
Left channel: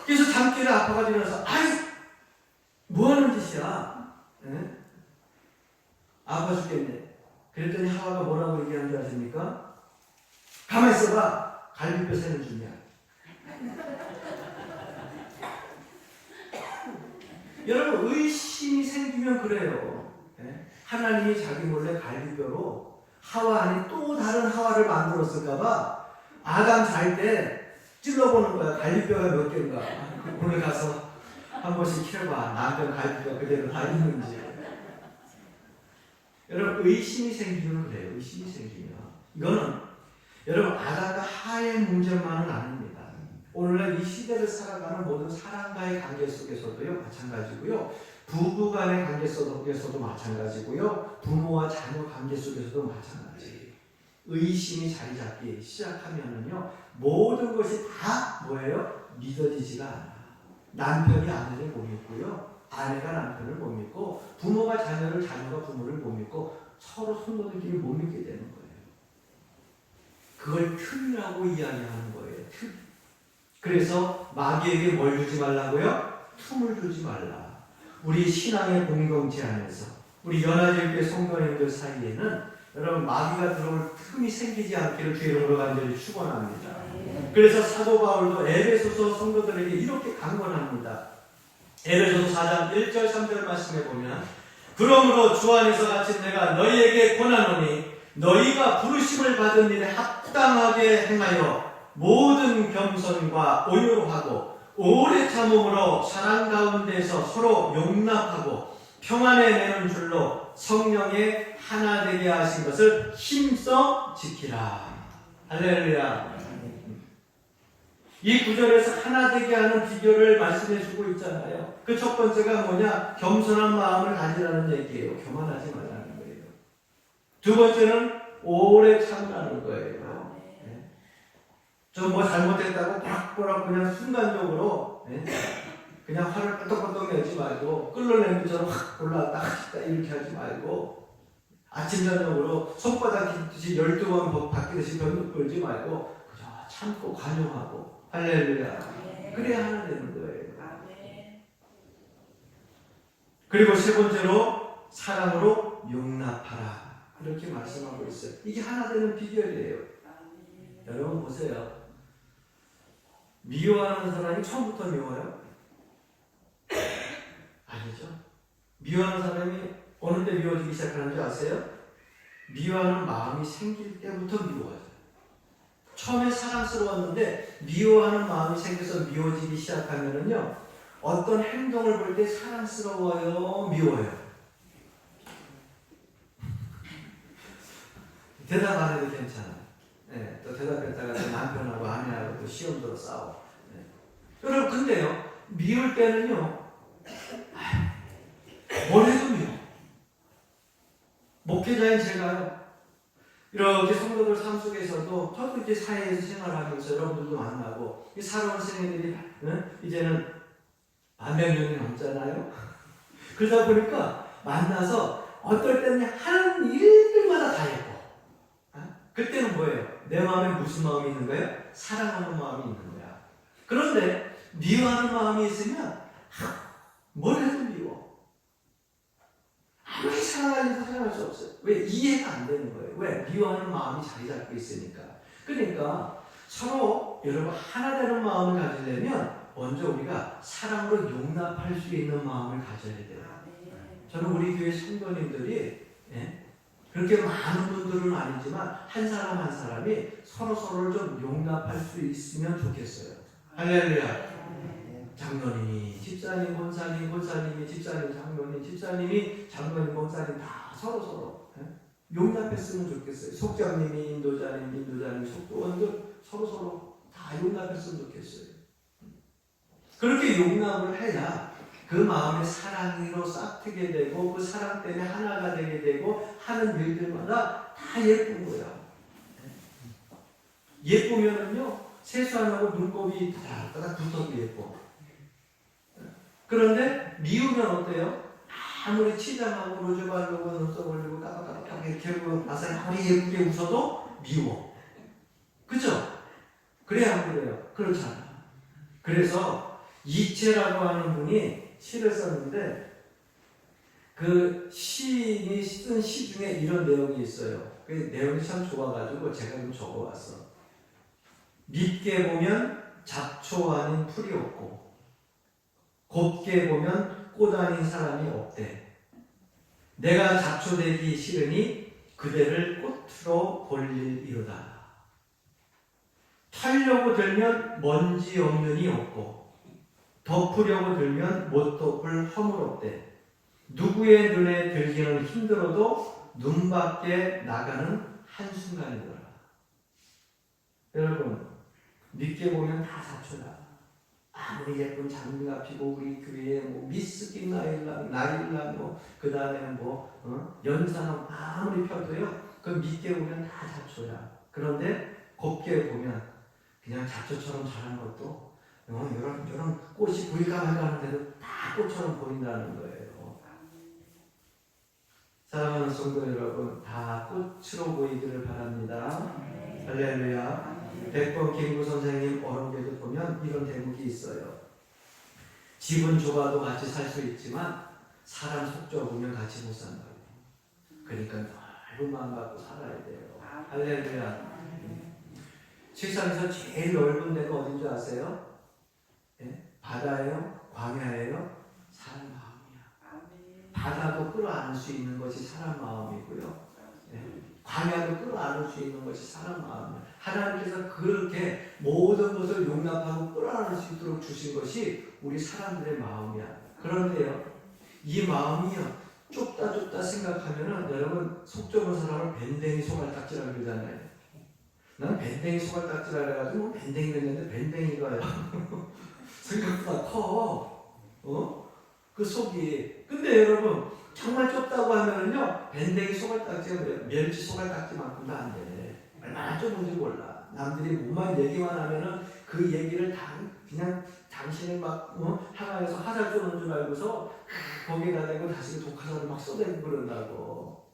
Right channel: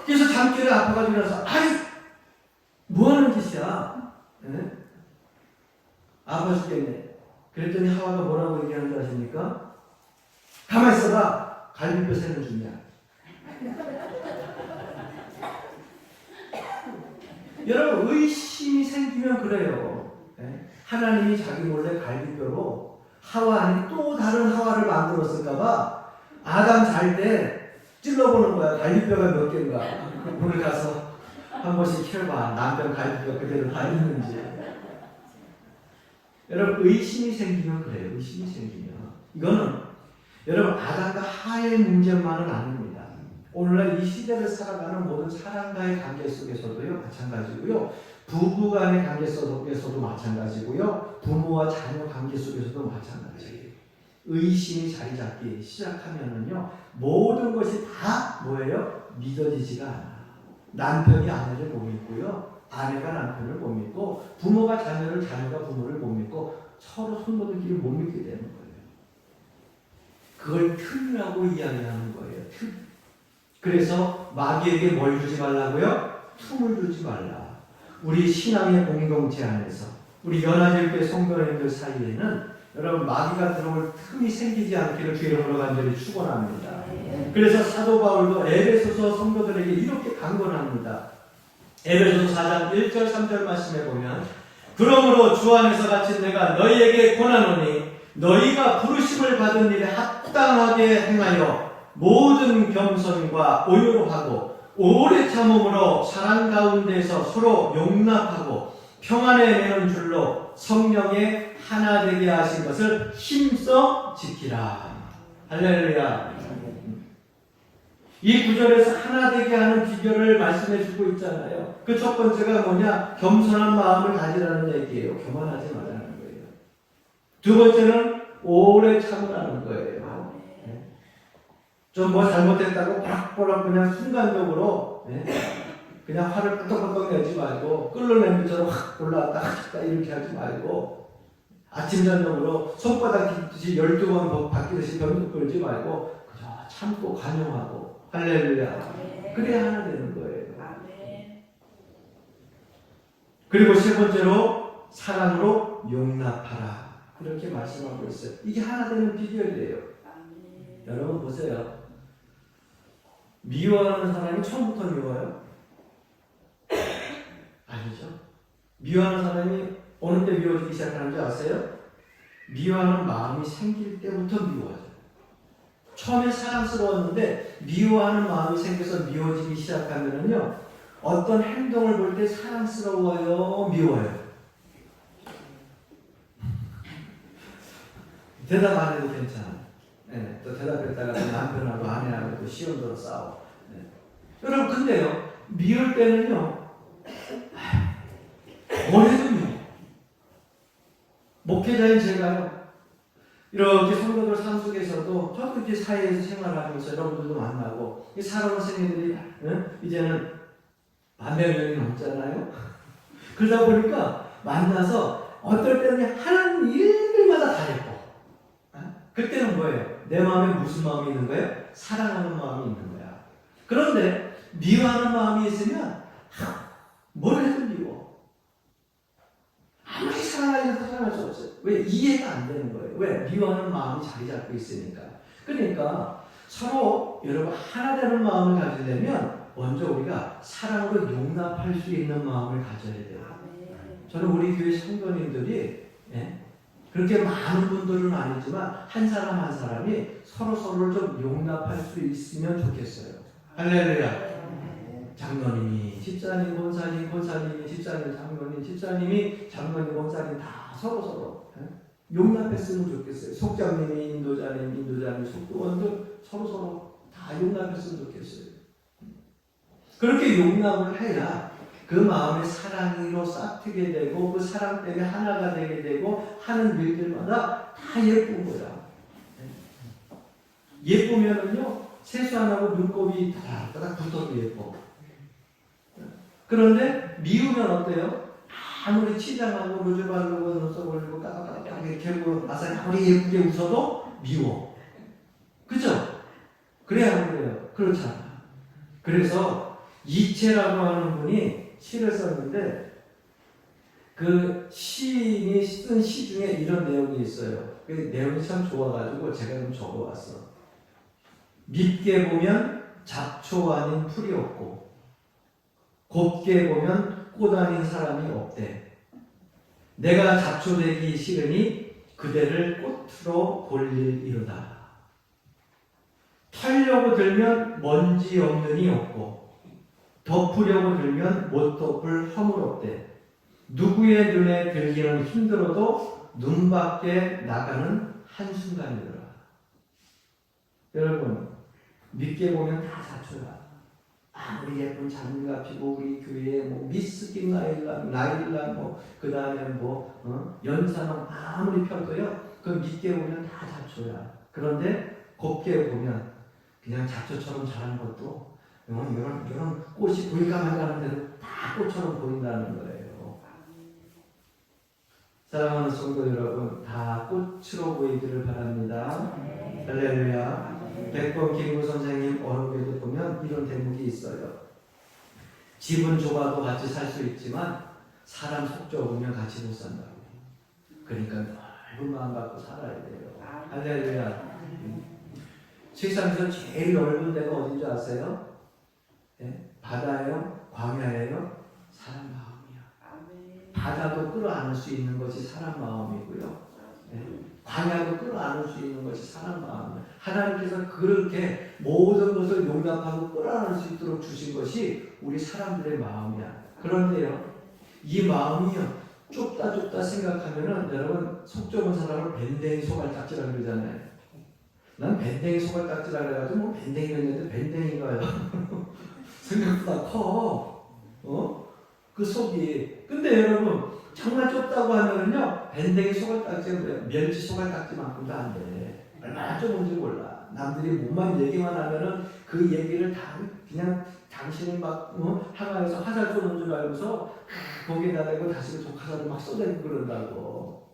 그래서 잠결에 아파가지고 나서, 아이 뭐 하는 짓이야? 아파 죽겠네. 그랬더니 하와가 뭐라고 얘기하는 줄 아십니까? 가만히 있어봐. 갈비뼈 세는 중이야. 여러분, 의심이 생기면 그래요. 하나님이 자기 몰래 갈비뼈로 하와 안에 또 다른 하와를 만들었을까봐 아담 잘 때 찔러보는 거야. 갈비뼈가 몇 개인가. 거기 가서 한 번씩 켜봐. 남편 갈비뼈 그대로 다 있는지. 여러분, 의심이 생기면 그래요. 의심이 생기면. 이거는 여러분, 아담과 하의 문제만은 아닙니다. 오늘날 이 시대를 살아가는 모든 사람과의 관계 속에서도요, 마찬가지고요. 부부 간의 관계 속에서도 마찬가지고요. 부모와 자녀 관계 속에서도 마찬가지예요. 의심이 자리 잡기 시작하면은요, 모든 것이 다 뭐예요? 믿어지지가 않아. 남편이 아내를 못 믿고요, 아내가 남편을 못 믿고, 부모가 자녀를, 자녀가 부모를 못 믿고, 서로 손노들끼리 못 믿게 되는 거예요. 그걸 틈이라고 이야기하는 거예요. 틈. 그래서 마귀에게 뭘 주지 말라고요? 틈을 주지 말라. 우리 신앙의 공동체 안에서, 우리 연합일교회 성도님들 사이에는 여러분, 마귀가 들어올 틈이 생기지 않기를 주의 이름으로 간절히 축원합니다. 그래서 사도 바울도 에베소서 성도들에게 이렇게 강권합니다. 에베소서 4장 1절 3절 말씀에 보면, 그러므로 주 안에서 갇힌 내가 너희에게 권하노니 너희가 부르심을 받은 일에 합당하게 행하여 모든 겸손과 온유하고 오래 참음으로 사랑 가운데서 서로 용납하고 평안에 매는 줄로 성령의 하나 되게 하신 것을 힘써 지키라. 할렐루야. 이 구절에서 하나 되게 하는 비결을 말씀해 주고 있잖아요. 그 첫 번째가 뭐냐? 겸손한 마음을 가지라는 얘기예요. 교만하지 말라는 거예요. 두 번째는 오래 참으라는 거예요. 좀 뭐 잘못했다고 빡빡 그냥 순간적으로 그냥 화를 끄덕끄덕 내지 말고 끓는 냄비처럼 확 올라왔다 갔다 이렇게 하지 말고 아침 저녁으로 손바닥 깃듯이 12번 바뀌듯이 변덕 끌지 말고 그저 참고 관용하고 할렐루야. 그래야 하나 되는 거예요. 그리고 세 번째로 사랑으로 용납하라. 이렇게 말씀하고 있어요. 이게 하나 되는 비결이에요. 여러분 보세요. 미워하는 사람이 처음부터 미워요? 아니죠. 미워하는 사람이 어느 때 미워지기 시작하는지 아세요? 미워하는 마음이 생길 때부터 미워져요. 처음에 사랑스러웠는데 미워하는 마음이 생겨서 미워지기 시작하면은요, 어떤 행동을 볼 때 사랑스러워요, 미워요? 대답 안 해도 괜찮아. 또 대답했다가 남편하고 아내하고 또 시험으로 싸워. 여러분 근데요, 미울 때는요, 뭘 해도 미워. 목회자인 제가요, 이렇게 성도들 삶 속에서도 저도 이제 사회에서 생활하면서 여러분들도 만나고 살아온 생애들이 이제는 100년이 넘잖아요. 그러다 보니까 만나서 어떨 때는 하는 일들마다 다 예뻐. 그때는 뭐예요? 내 마음에 무슨 마음이 있는 거예요? 사랑하는 마음이 있는 거야. 그런데 미워하는 마음이 있으면 뭘 해도 미워. 아무리 사랑하려도 사랑할 수 없어요. 왜? 이해가 안 되는 거예요. 왜? 미워하는 마음이 자리 잡고 있으니까. 그러니까 서로 여러분 하나 되는 마음을 가지려면 먼저 우리가 사랑으로 용납할 수 있는 마음을 가져야 돼요. 저는 우리 교회 성도님들이 그렇게 많은 분들은 아니지만 한 사람 한 사람이 서로를 좀 용납할 수 있으면 좋겠어요. 할렐루야. 장로님이 집사님, 권사님, 권사님이 집사님, 장로님, 집사님이 장로님, 권사님 다 서로 용납했으면 좋겠어요. 속장님이 인도자님, 인도자님, 속도원들 서로 다 용납했으면 좋겠어요. 그렇게 용납을 해야 그 마음의 사랑으로 싹트게 되고 그 사랑 때문에 하나가 되게 되고 하는 일들마다 다 예쁜 거야. 예쁘면은요, 세수 안 하고 눈곱이 다닥다닥 붙어도 예뻐. 그런데 미우면 어때요? 아무리 치장하고 루즈 바르고 눈썹 올리고 까닥까닥 이렇게 하고 나서 아무리 예쁘게 웃어도 미워. 그죠? 그래야 안 그래요? 그렇잖아. 그래서 이채라고 하는 분이 시를 썼는데 그 시인이 쓴 시 중에 이런 내용이 있어요. 그 내용이 참 좋아가지고 제가 좀 적어봤어. 밉게 보면 잡초 아닌 풀이 없고 곱게 보면 꽃 아닌 사람이 없대. 내가 잡초 되기 싫으니 그대를 꽃으로 볼일이로다. 털려고 들면 먼지 없는이 없고 덮으려고 들면 못 덮을 허물 없대. 누구의 눈에 들기는 힘들어도 눈 밖에 나가는 한순간이더라. 여러분 믿게 보면 다 잡초다. 아무리 예쁜 장미가 피고 우리 교회에 뭐 미스틱 나일란 그 다음에 연산업 아무리 펴도요, 그 믿게 보면 다 잡초야. 그런데 곱게 보면 그냥 잡초처럼 자란 것도 이런 꽃이 보일까 말까 하는데도 다 꽃처럼 보인다는 거예요. 사랑하는 성도 여러분, 다 꽃으로 보이기를 바랍니다. 할렐루야. 백범 김구 선생님 어록에도 보면 이런 대목이 있어요. 집은 좁아도 같이 살 수 있지만 사람 속 좁으면 같이 못 산다고. 그러니까 넓은 마음 갖고 살아야 돼요. 할렐루야. 세상에서 제일 넓은 데가 어딘지 아세요? 바다예요? 광야예요? 사람 마음이야. 바다도 끌어안을 수 있는 것이 사람 마음이고요. 광야도 끌어안을 수 있는 것이 사람 마음이에요. 하나님께서 그렇게 모든 것을 용납하고 끌어안을 수 있도록 주신 것이 우리 사람들의 마음이야. 그런데요, 이 마음이요, 좁다 생각하면은 여러분 속 좁은 사람을 밴댕이 소갈딱지라고 그러잖아요. 난 밴댕이 소갈딱지라고 해가지고 뭐 밴댕이가 있는데 밴댕이가요. 생각보다 커. 그 속이. 근데 여러분 정말 좁다고 하면은요, 밴댕이 소갈딱지가 멸치 소갈딱지만큼도 안 돼. 얼마나 좁은지 몰라. 남들이 뭐만 얘기만 하면은 그 얘기를 다 그냥 당신을 막 항아리에서 화살 쏘는 줄 알고서 거기에다 대고 다시 독화살을 막 쏟아내고 그런다고.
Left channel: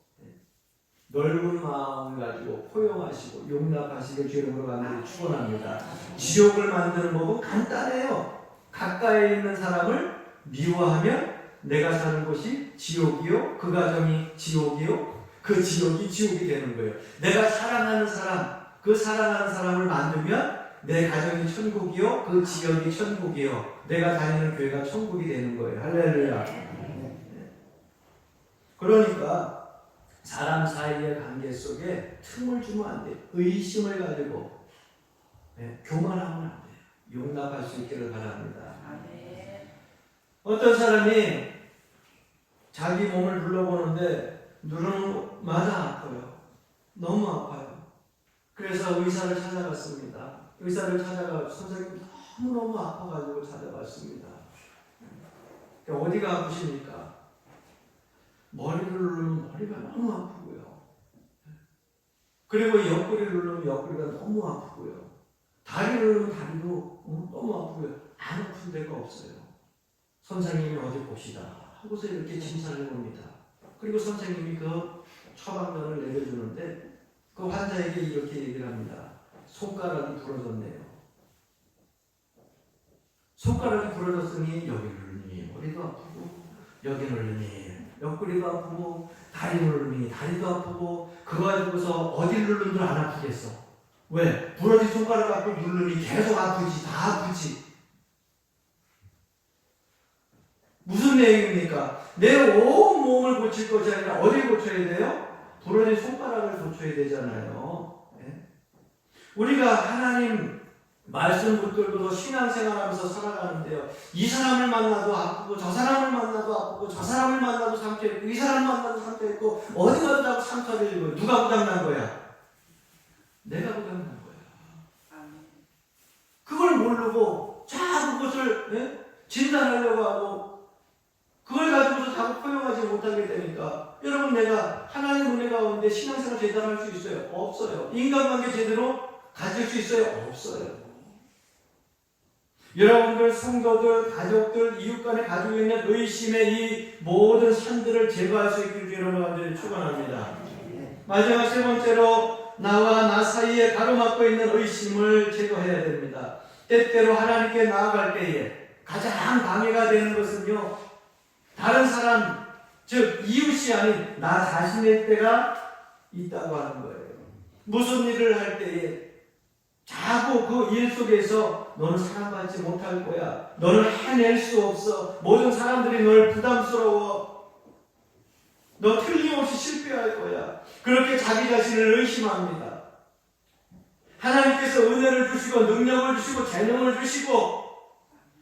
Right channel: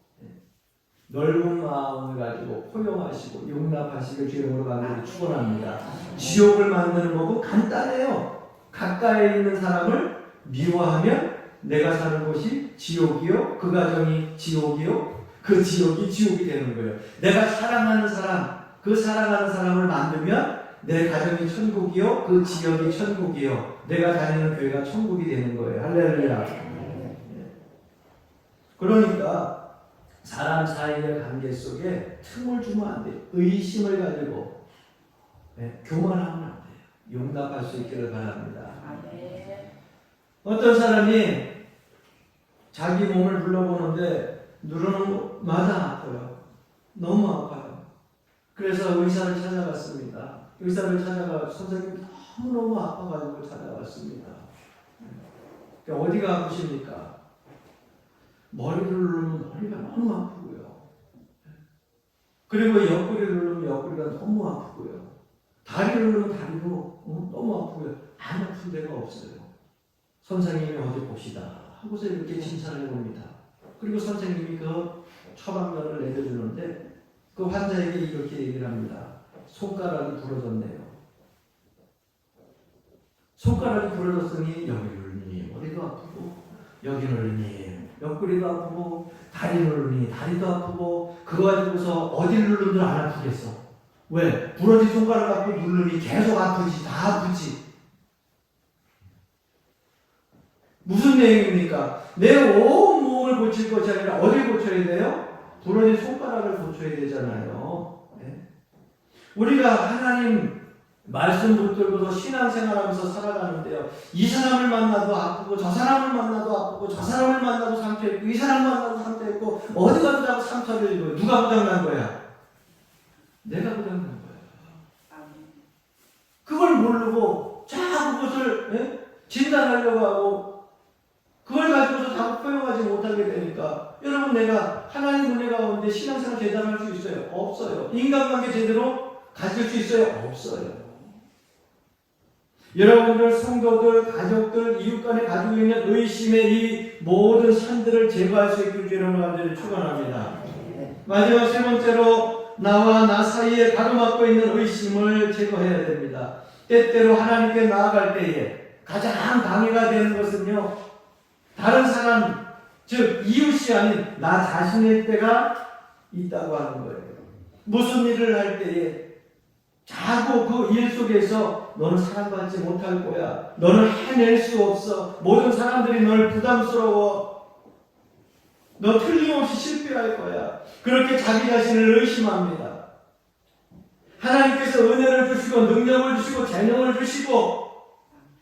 넓은 마음을 가지고 포용하시고 용납하시길 주님으로 간절히 축원합니다. 지옥을 만드는 법은 간단해요. 가까이 있는 사람을 미워하면 내가 사는 곳이 지옥이요, 그 가정이 지옥이요, 그 지옥이 지옥이 되는 거예요. 내가 사랑하는 사람, 그 사랑하는 사람을 만들면 내 가정이 천국이요, 그 지역이 천국이요, 내가 다니는 교회가 천국이 되는 거예요. 할렐루야. 그러니까 사람 사이의 관계 속에 틈을 주면 안 돼요. 의심을 가지고 교만하면 안 돼요. 용납할 수 있기를 바랍니다. 어떤 사람이 자기 몸을 눌러보는데 누르는 마다 아파요. 너무 아파요. 그래서 의사를 찾아갔습니다. 의사를 찾아가 선생님 너무너무 아파가지고 찾아갔습니다. 어디가 아프십니까? 머리를 누르면 머리가 너무 아프고요. 그리고 옆구리를 누르면 옆구리가 너무 아프고요. 다리를 누르면 다리도 너무 아프고요. 안 아픈 데가 없어요. 선생님이 어디 봅시다 하고서 이렇게 진찰을 봅니다. 그리고 선생님이 그 처방전을 내려주는데 그 환자에게 이렇게 얘기를 합니다. 손가락이 부러졌네요. 손가락이 부러졌으니 여기 누르니 머리도 아프고 여기 누르니 옆구리도 아프고 다리 누르니 다리도 아프고 그거 가지고서 어딜 누르든 안 아프겠어. 왜? 부러진 손가락 갖고 누르니 계속 아프지. 다 아프지. 무슨 내용입니까? 내 온 몸을 고칠 것이 아니라 어딜 고쳐야 돼요? 부러진 손가락을 고쳐야 되잖아요. 네? 우리가 하나님 말씀 붙들고서 신앙생활하면서 살아가는데요. 이 사람을 만나도 아프고 저 사람을 만나도 아프고 저 사람을 만나도 상처있고 이 사람을 만나도 상처있고 어디 가도 자꾸 상처를 입고 누가 고장난 거야? 내가 고장난 거야. 그걸 모르고 자꾸 그것을 진단하려고 하고 그걸 가지고서 자꾸 포용하지 못하게 되니까 여러분 내가 하나님 은혜 가운데 신앙생활 제대로 할 수 있어요? 없어요. 인간관계 제대로 가질 수 있어요? 없어요. 여러분들 성도들, 가족들, 이웃 간에 가지고 있는 의심의 이 모든 산들을 제거할 수 있기를 여러분 간절히 축원합니다. 마지막 세 번째로 나와 나 사이에 가로막고 있는 의심을 제거해야 됩니다. 때때로 하나님께 나아갈 때에 가장 방해가 되는 것은요, 다른 사람, 즉 이웃이 아닌 나 자신일 때가 있다고 하는 거예요. 무슨 일을 할 때에 자꾸 그 일 속에서 너는 사랑받지 못할 거야. 너는 해낼 수 없어. 모든 사람들이 널 부담스러워. 너 틀림없이 실패할 거야. 그렇게 자기 자신을 의심합니다. 하나님께서 은혜를 주시고 능력을 주시고 재능을 주시고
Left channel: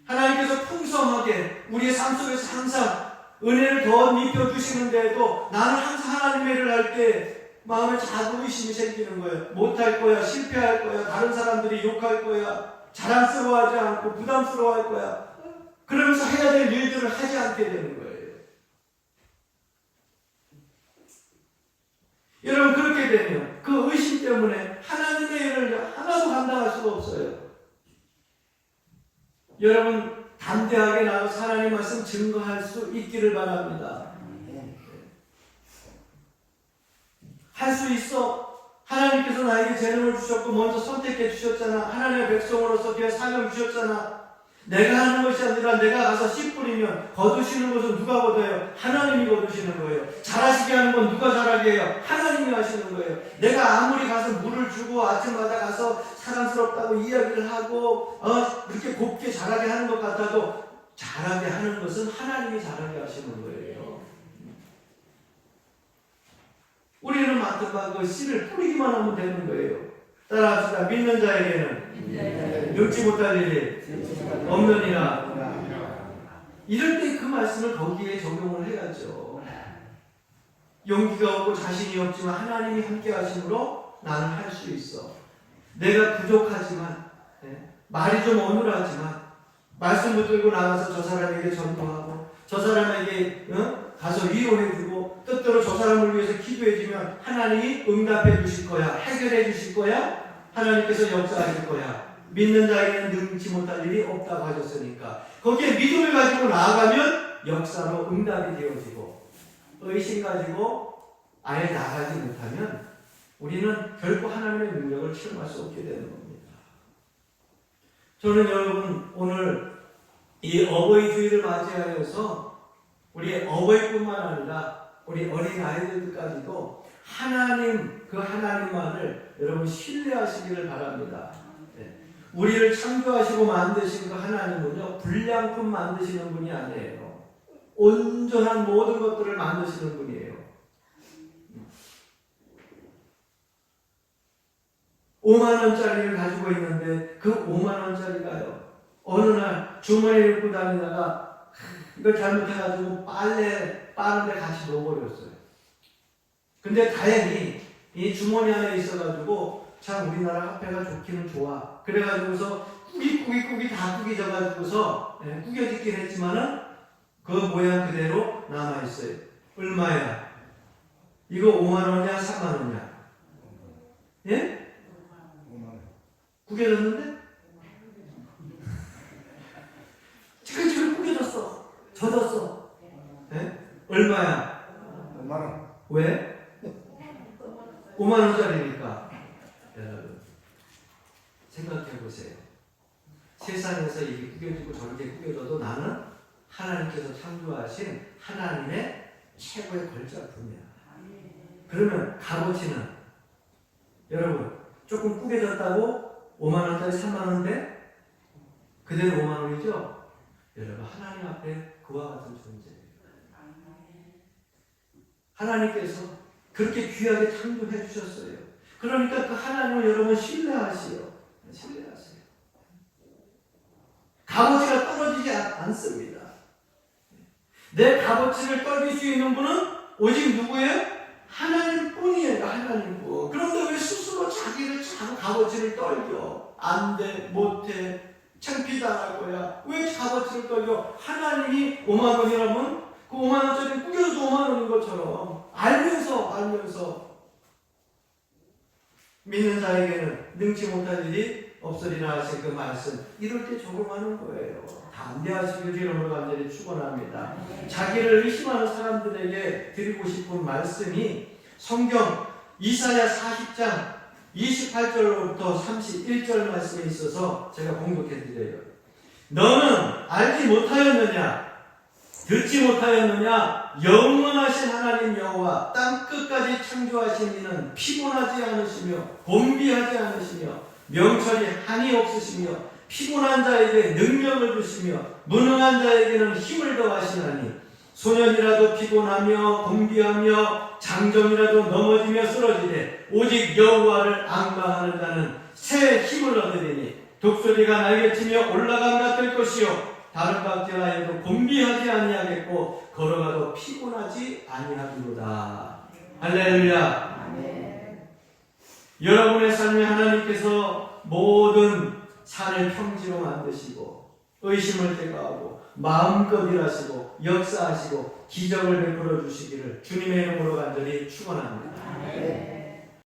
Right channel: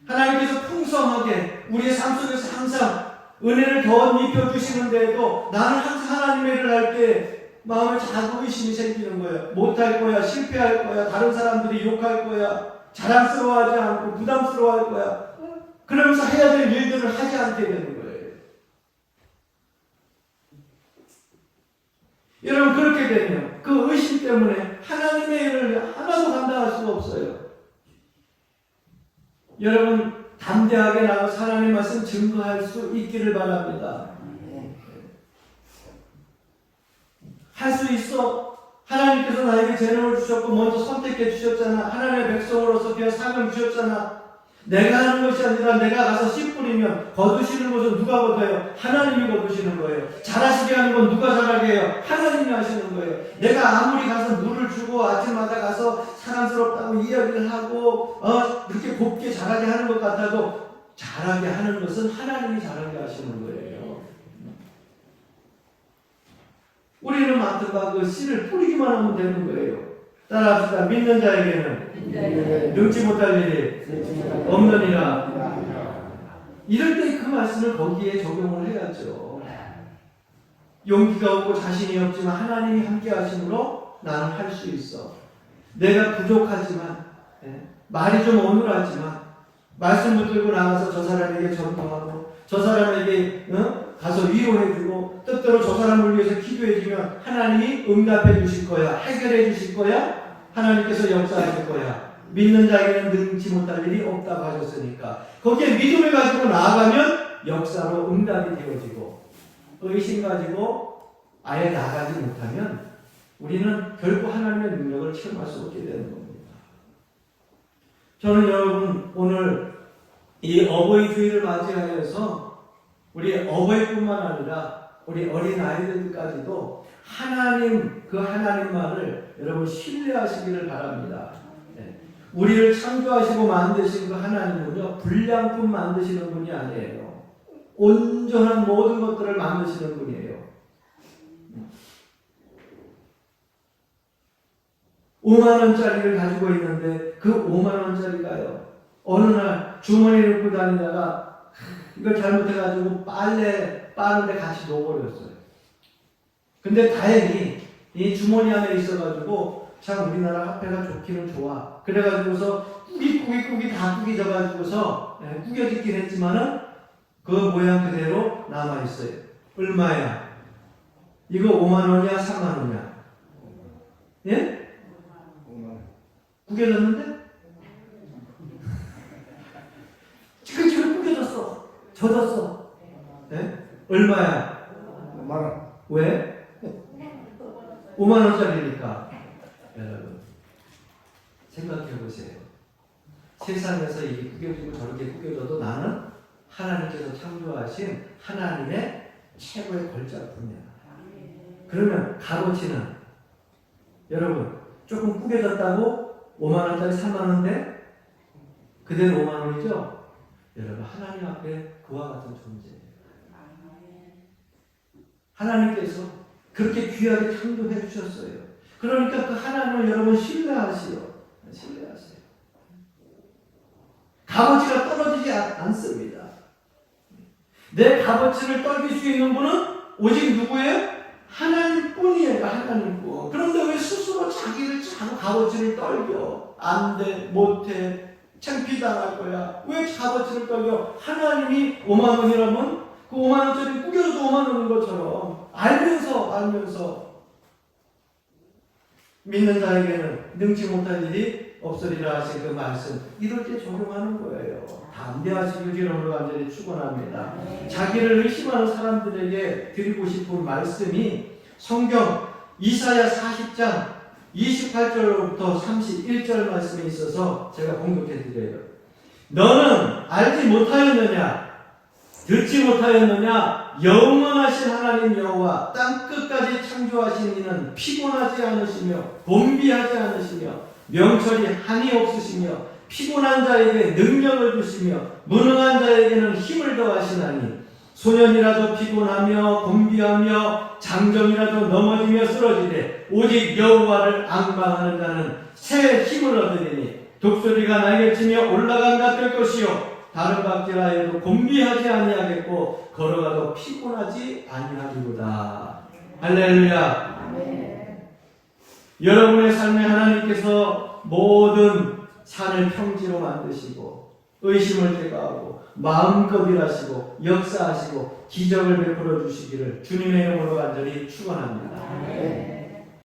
하나님께서 풍성하게 우리의 삶 속에서 항상 은혜를 더 입혀주시는데도 나는 항상 하나님의 일을 할 때 마음에 자꾸 의심이 생기는 거예요. 못할 거야, 실패할 거야, 다른 사람들이 욕할 거야, 자랑스러워하지 않고 부담스러워할 거야. 그러면서 해야 될 일들을 하지 않게 되는 거예요. 여러분 그렇게 되면 그 의심 때문에 하나님의 일을 하나도 감당할 수가 없어요. 여러분 담대하게 나가서 하나님 말씀 증거할 수 있기를 바랍니다. 할 수 있어. 하나님께서 나에게 재능을 주셨고 먼저 선택해 주셨잖아. 하나님의 백성으로서 귀한 사명을 주셨잖아. 내가 하는 것이 아니라 내가 가서 씨 뿌리면 거두시는 것은 누가 거둬요? 하나님이 거두시는 거예요. 잘하시게 하는 건 누가 잘하게 해요? 하나님이 하시는 거예요. 내가 아무리 가서 물을 주고 아침마다 가서 사랑스럽다고 이야기를 하고 그렇게 곱게 잘하게 하는 것 같아도 잘하게 하는 것은 하나님이 잘하게 하시는 거예요. 우리는 맡아봐 그 씨를 뿌리기만 하면 되는 거예요. 따라합시다. 믿는 자에게는 능치 못할 일이 없느니라. 이럴 때 그 말씀을 거기에 적용을 해야죠. 용기가 없고 자신이 없지만 하나님이 함께 하심으로 나는 할 수 있어. 내가 부족하지만 말이 좀 어눌하지만 말씀 붙들고 나가서 저 사람에게 전도하고 저 사람에게 가서 위로해주고 뜻대로 저 사람을 위해서 기도해주면 하나님이 응답해 주실 거야. 해결해 주실 거야. 하나님께서 역사하실 거야. 믿는 자에게는 능치 못할 일이 없다고 하셨으니까 거기에 믿음을 가지고 나아가면 역사로 응답이 되어지고 의심 가지고 아예 나가지 못하면 우리는 결코 하나님의 능력을 체험할 수 없게 되는 겁니다. 저는 여러분 오늘 이 어버이 주일을 맞이하여서 우리 어버이뿐만 아니라 우리 어린 아이들까지도 하나님 그 하나님만을 여러분 신뢰하시기를 바랍니다. 우리를 창조하시고 만드신 그 하나님은요 불량품 만드시는 분이 아니에요. 온전한 모든 것들을 만드시는 분이에요. 5만 원짜리를 가지고 있는데 그 5만 원짜리가요 어느 날 주머니에 넣고 다니다가 이걸 잘못해가지고 빨래 빠는데 같이 놓아버렸어요. 근데 다행히 이 주머니 안에 있어가지고 참 우리나라 화폐가 좋기는 좋아. 그래가지고서 꾸깃 다 꾸겨져가지고서 꾸겨지긴 했지만은 그 모양 그대로 남아있어요. 얼마야? 이거 5만 원이야? 3만 원이야? 예? 구겨졌는데? 지금 구겨졌어. 젖었어. 예? 얼마야? 5만 원. 왜? 5만 원짜리니까. 여러분 생각해 보세요. 세상에서 이게 구겨지고 저렇게 구겨져도 나는 하나님께서 창조하신 하나님의 최고의 걸작품이야. 그러면 값어치는 여러분 조금 구겨졌다고 5만 원짜리 3만 원인데 그대로 5만 원이죠? 여러분 하나님 앞에 그와 같은 존재예요. 하나님께서 그렇게 귀하게 창조해 주셨어요. 그러니까 그 하나님을 여러분 신뢰하시오. 신뢰하세요. 값어치가 떨어지지 않습니다. 내 값어치를 떨길 수 있는 분은 오직 누구예요? 하나님뿐이에요. 하나님뿐. 그런데 왜 스스로 자기를 자꾸 값어치를 떨겨? 안 돼, 못해, 창피당할 거야. 왜 값어치를 떨겨? 하나님이 5만 원이라면 그 5만 원짜리 꾸겨도 5만 원인 것처럼 알면서 믿는 자에게는 능치 못할 일이 없으리라 하신 그 말씀 이럴 때 적용하는 거예요. 담대하시길 주님으로 간절히 축원합니다. 자기를 의심하는 사람들에게 드리고 싶은 말씀이 성경 이사야 40장 28절부터 31절 말씀에 있어서 제가 공독해 드려요. 너는 알지 못하였느냐? 듣지 못하였느냐? 영원하신 하나님 여호와 땅 끝까지 창조하신 이는 피곤하지 않으시며 곤비하지 않으시며 명철이 한이 없으시며 피곤한 자에게 능력을 주시며 무능한 자에게는 힘을 더하시나니 소년이라도 피곤하며 곤비하며 장정이라도 넘어지며 쓰러지되 오직 여호와를 앙망하는 자는 새 힘을 얻으리니 독수리가 날개치며 올라간다 뜰 것이요 다른 박제하여도 곤비하지 아니하겠고 걸어가도 피곤하지 아니하리로다. 할렐루야. 여러분의 삶에 하나님께서 모든 산을 평지로 만드시고 의심을 제거하고 마음껏 일하시고 역사하시고 기적을 베풀어 주시기를 주님의 이름으로 간절히 축원합니다.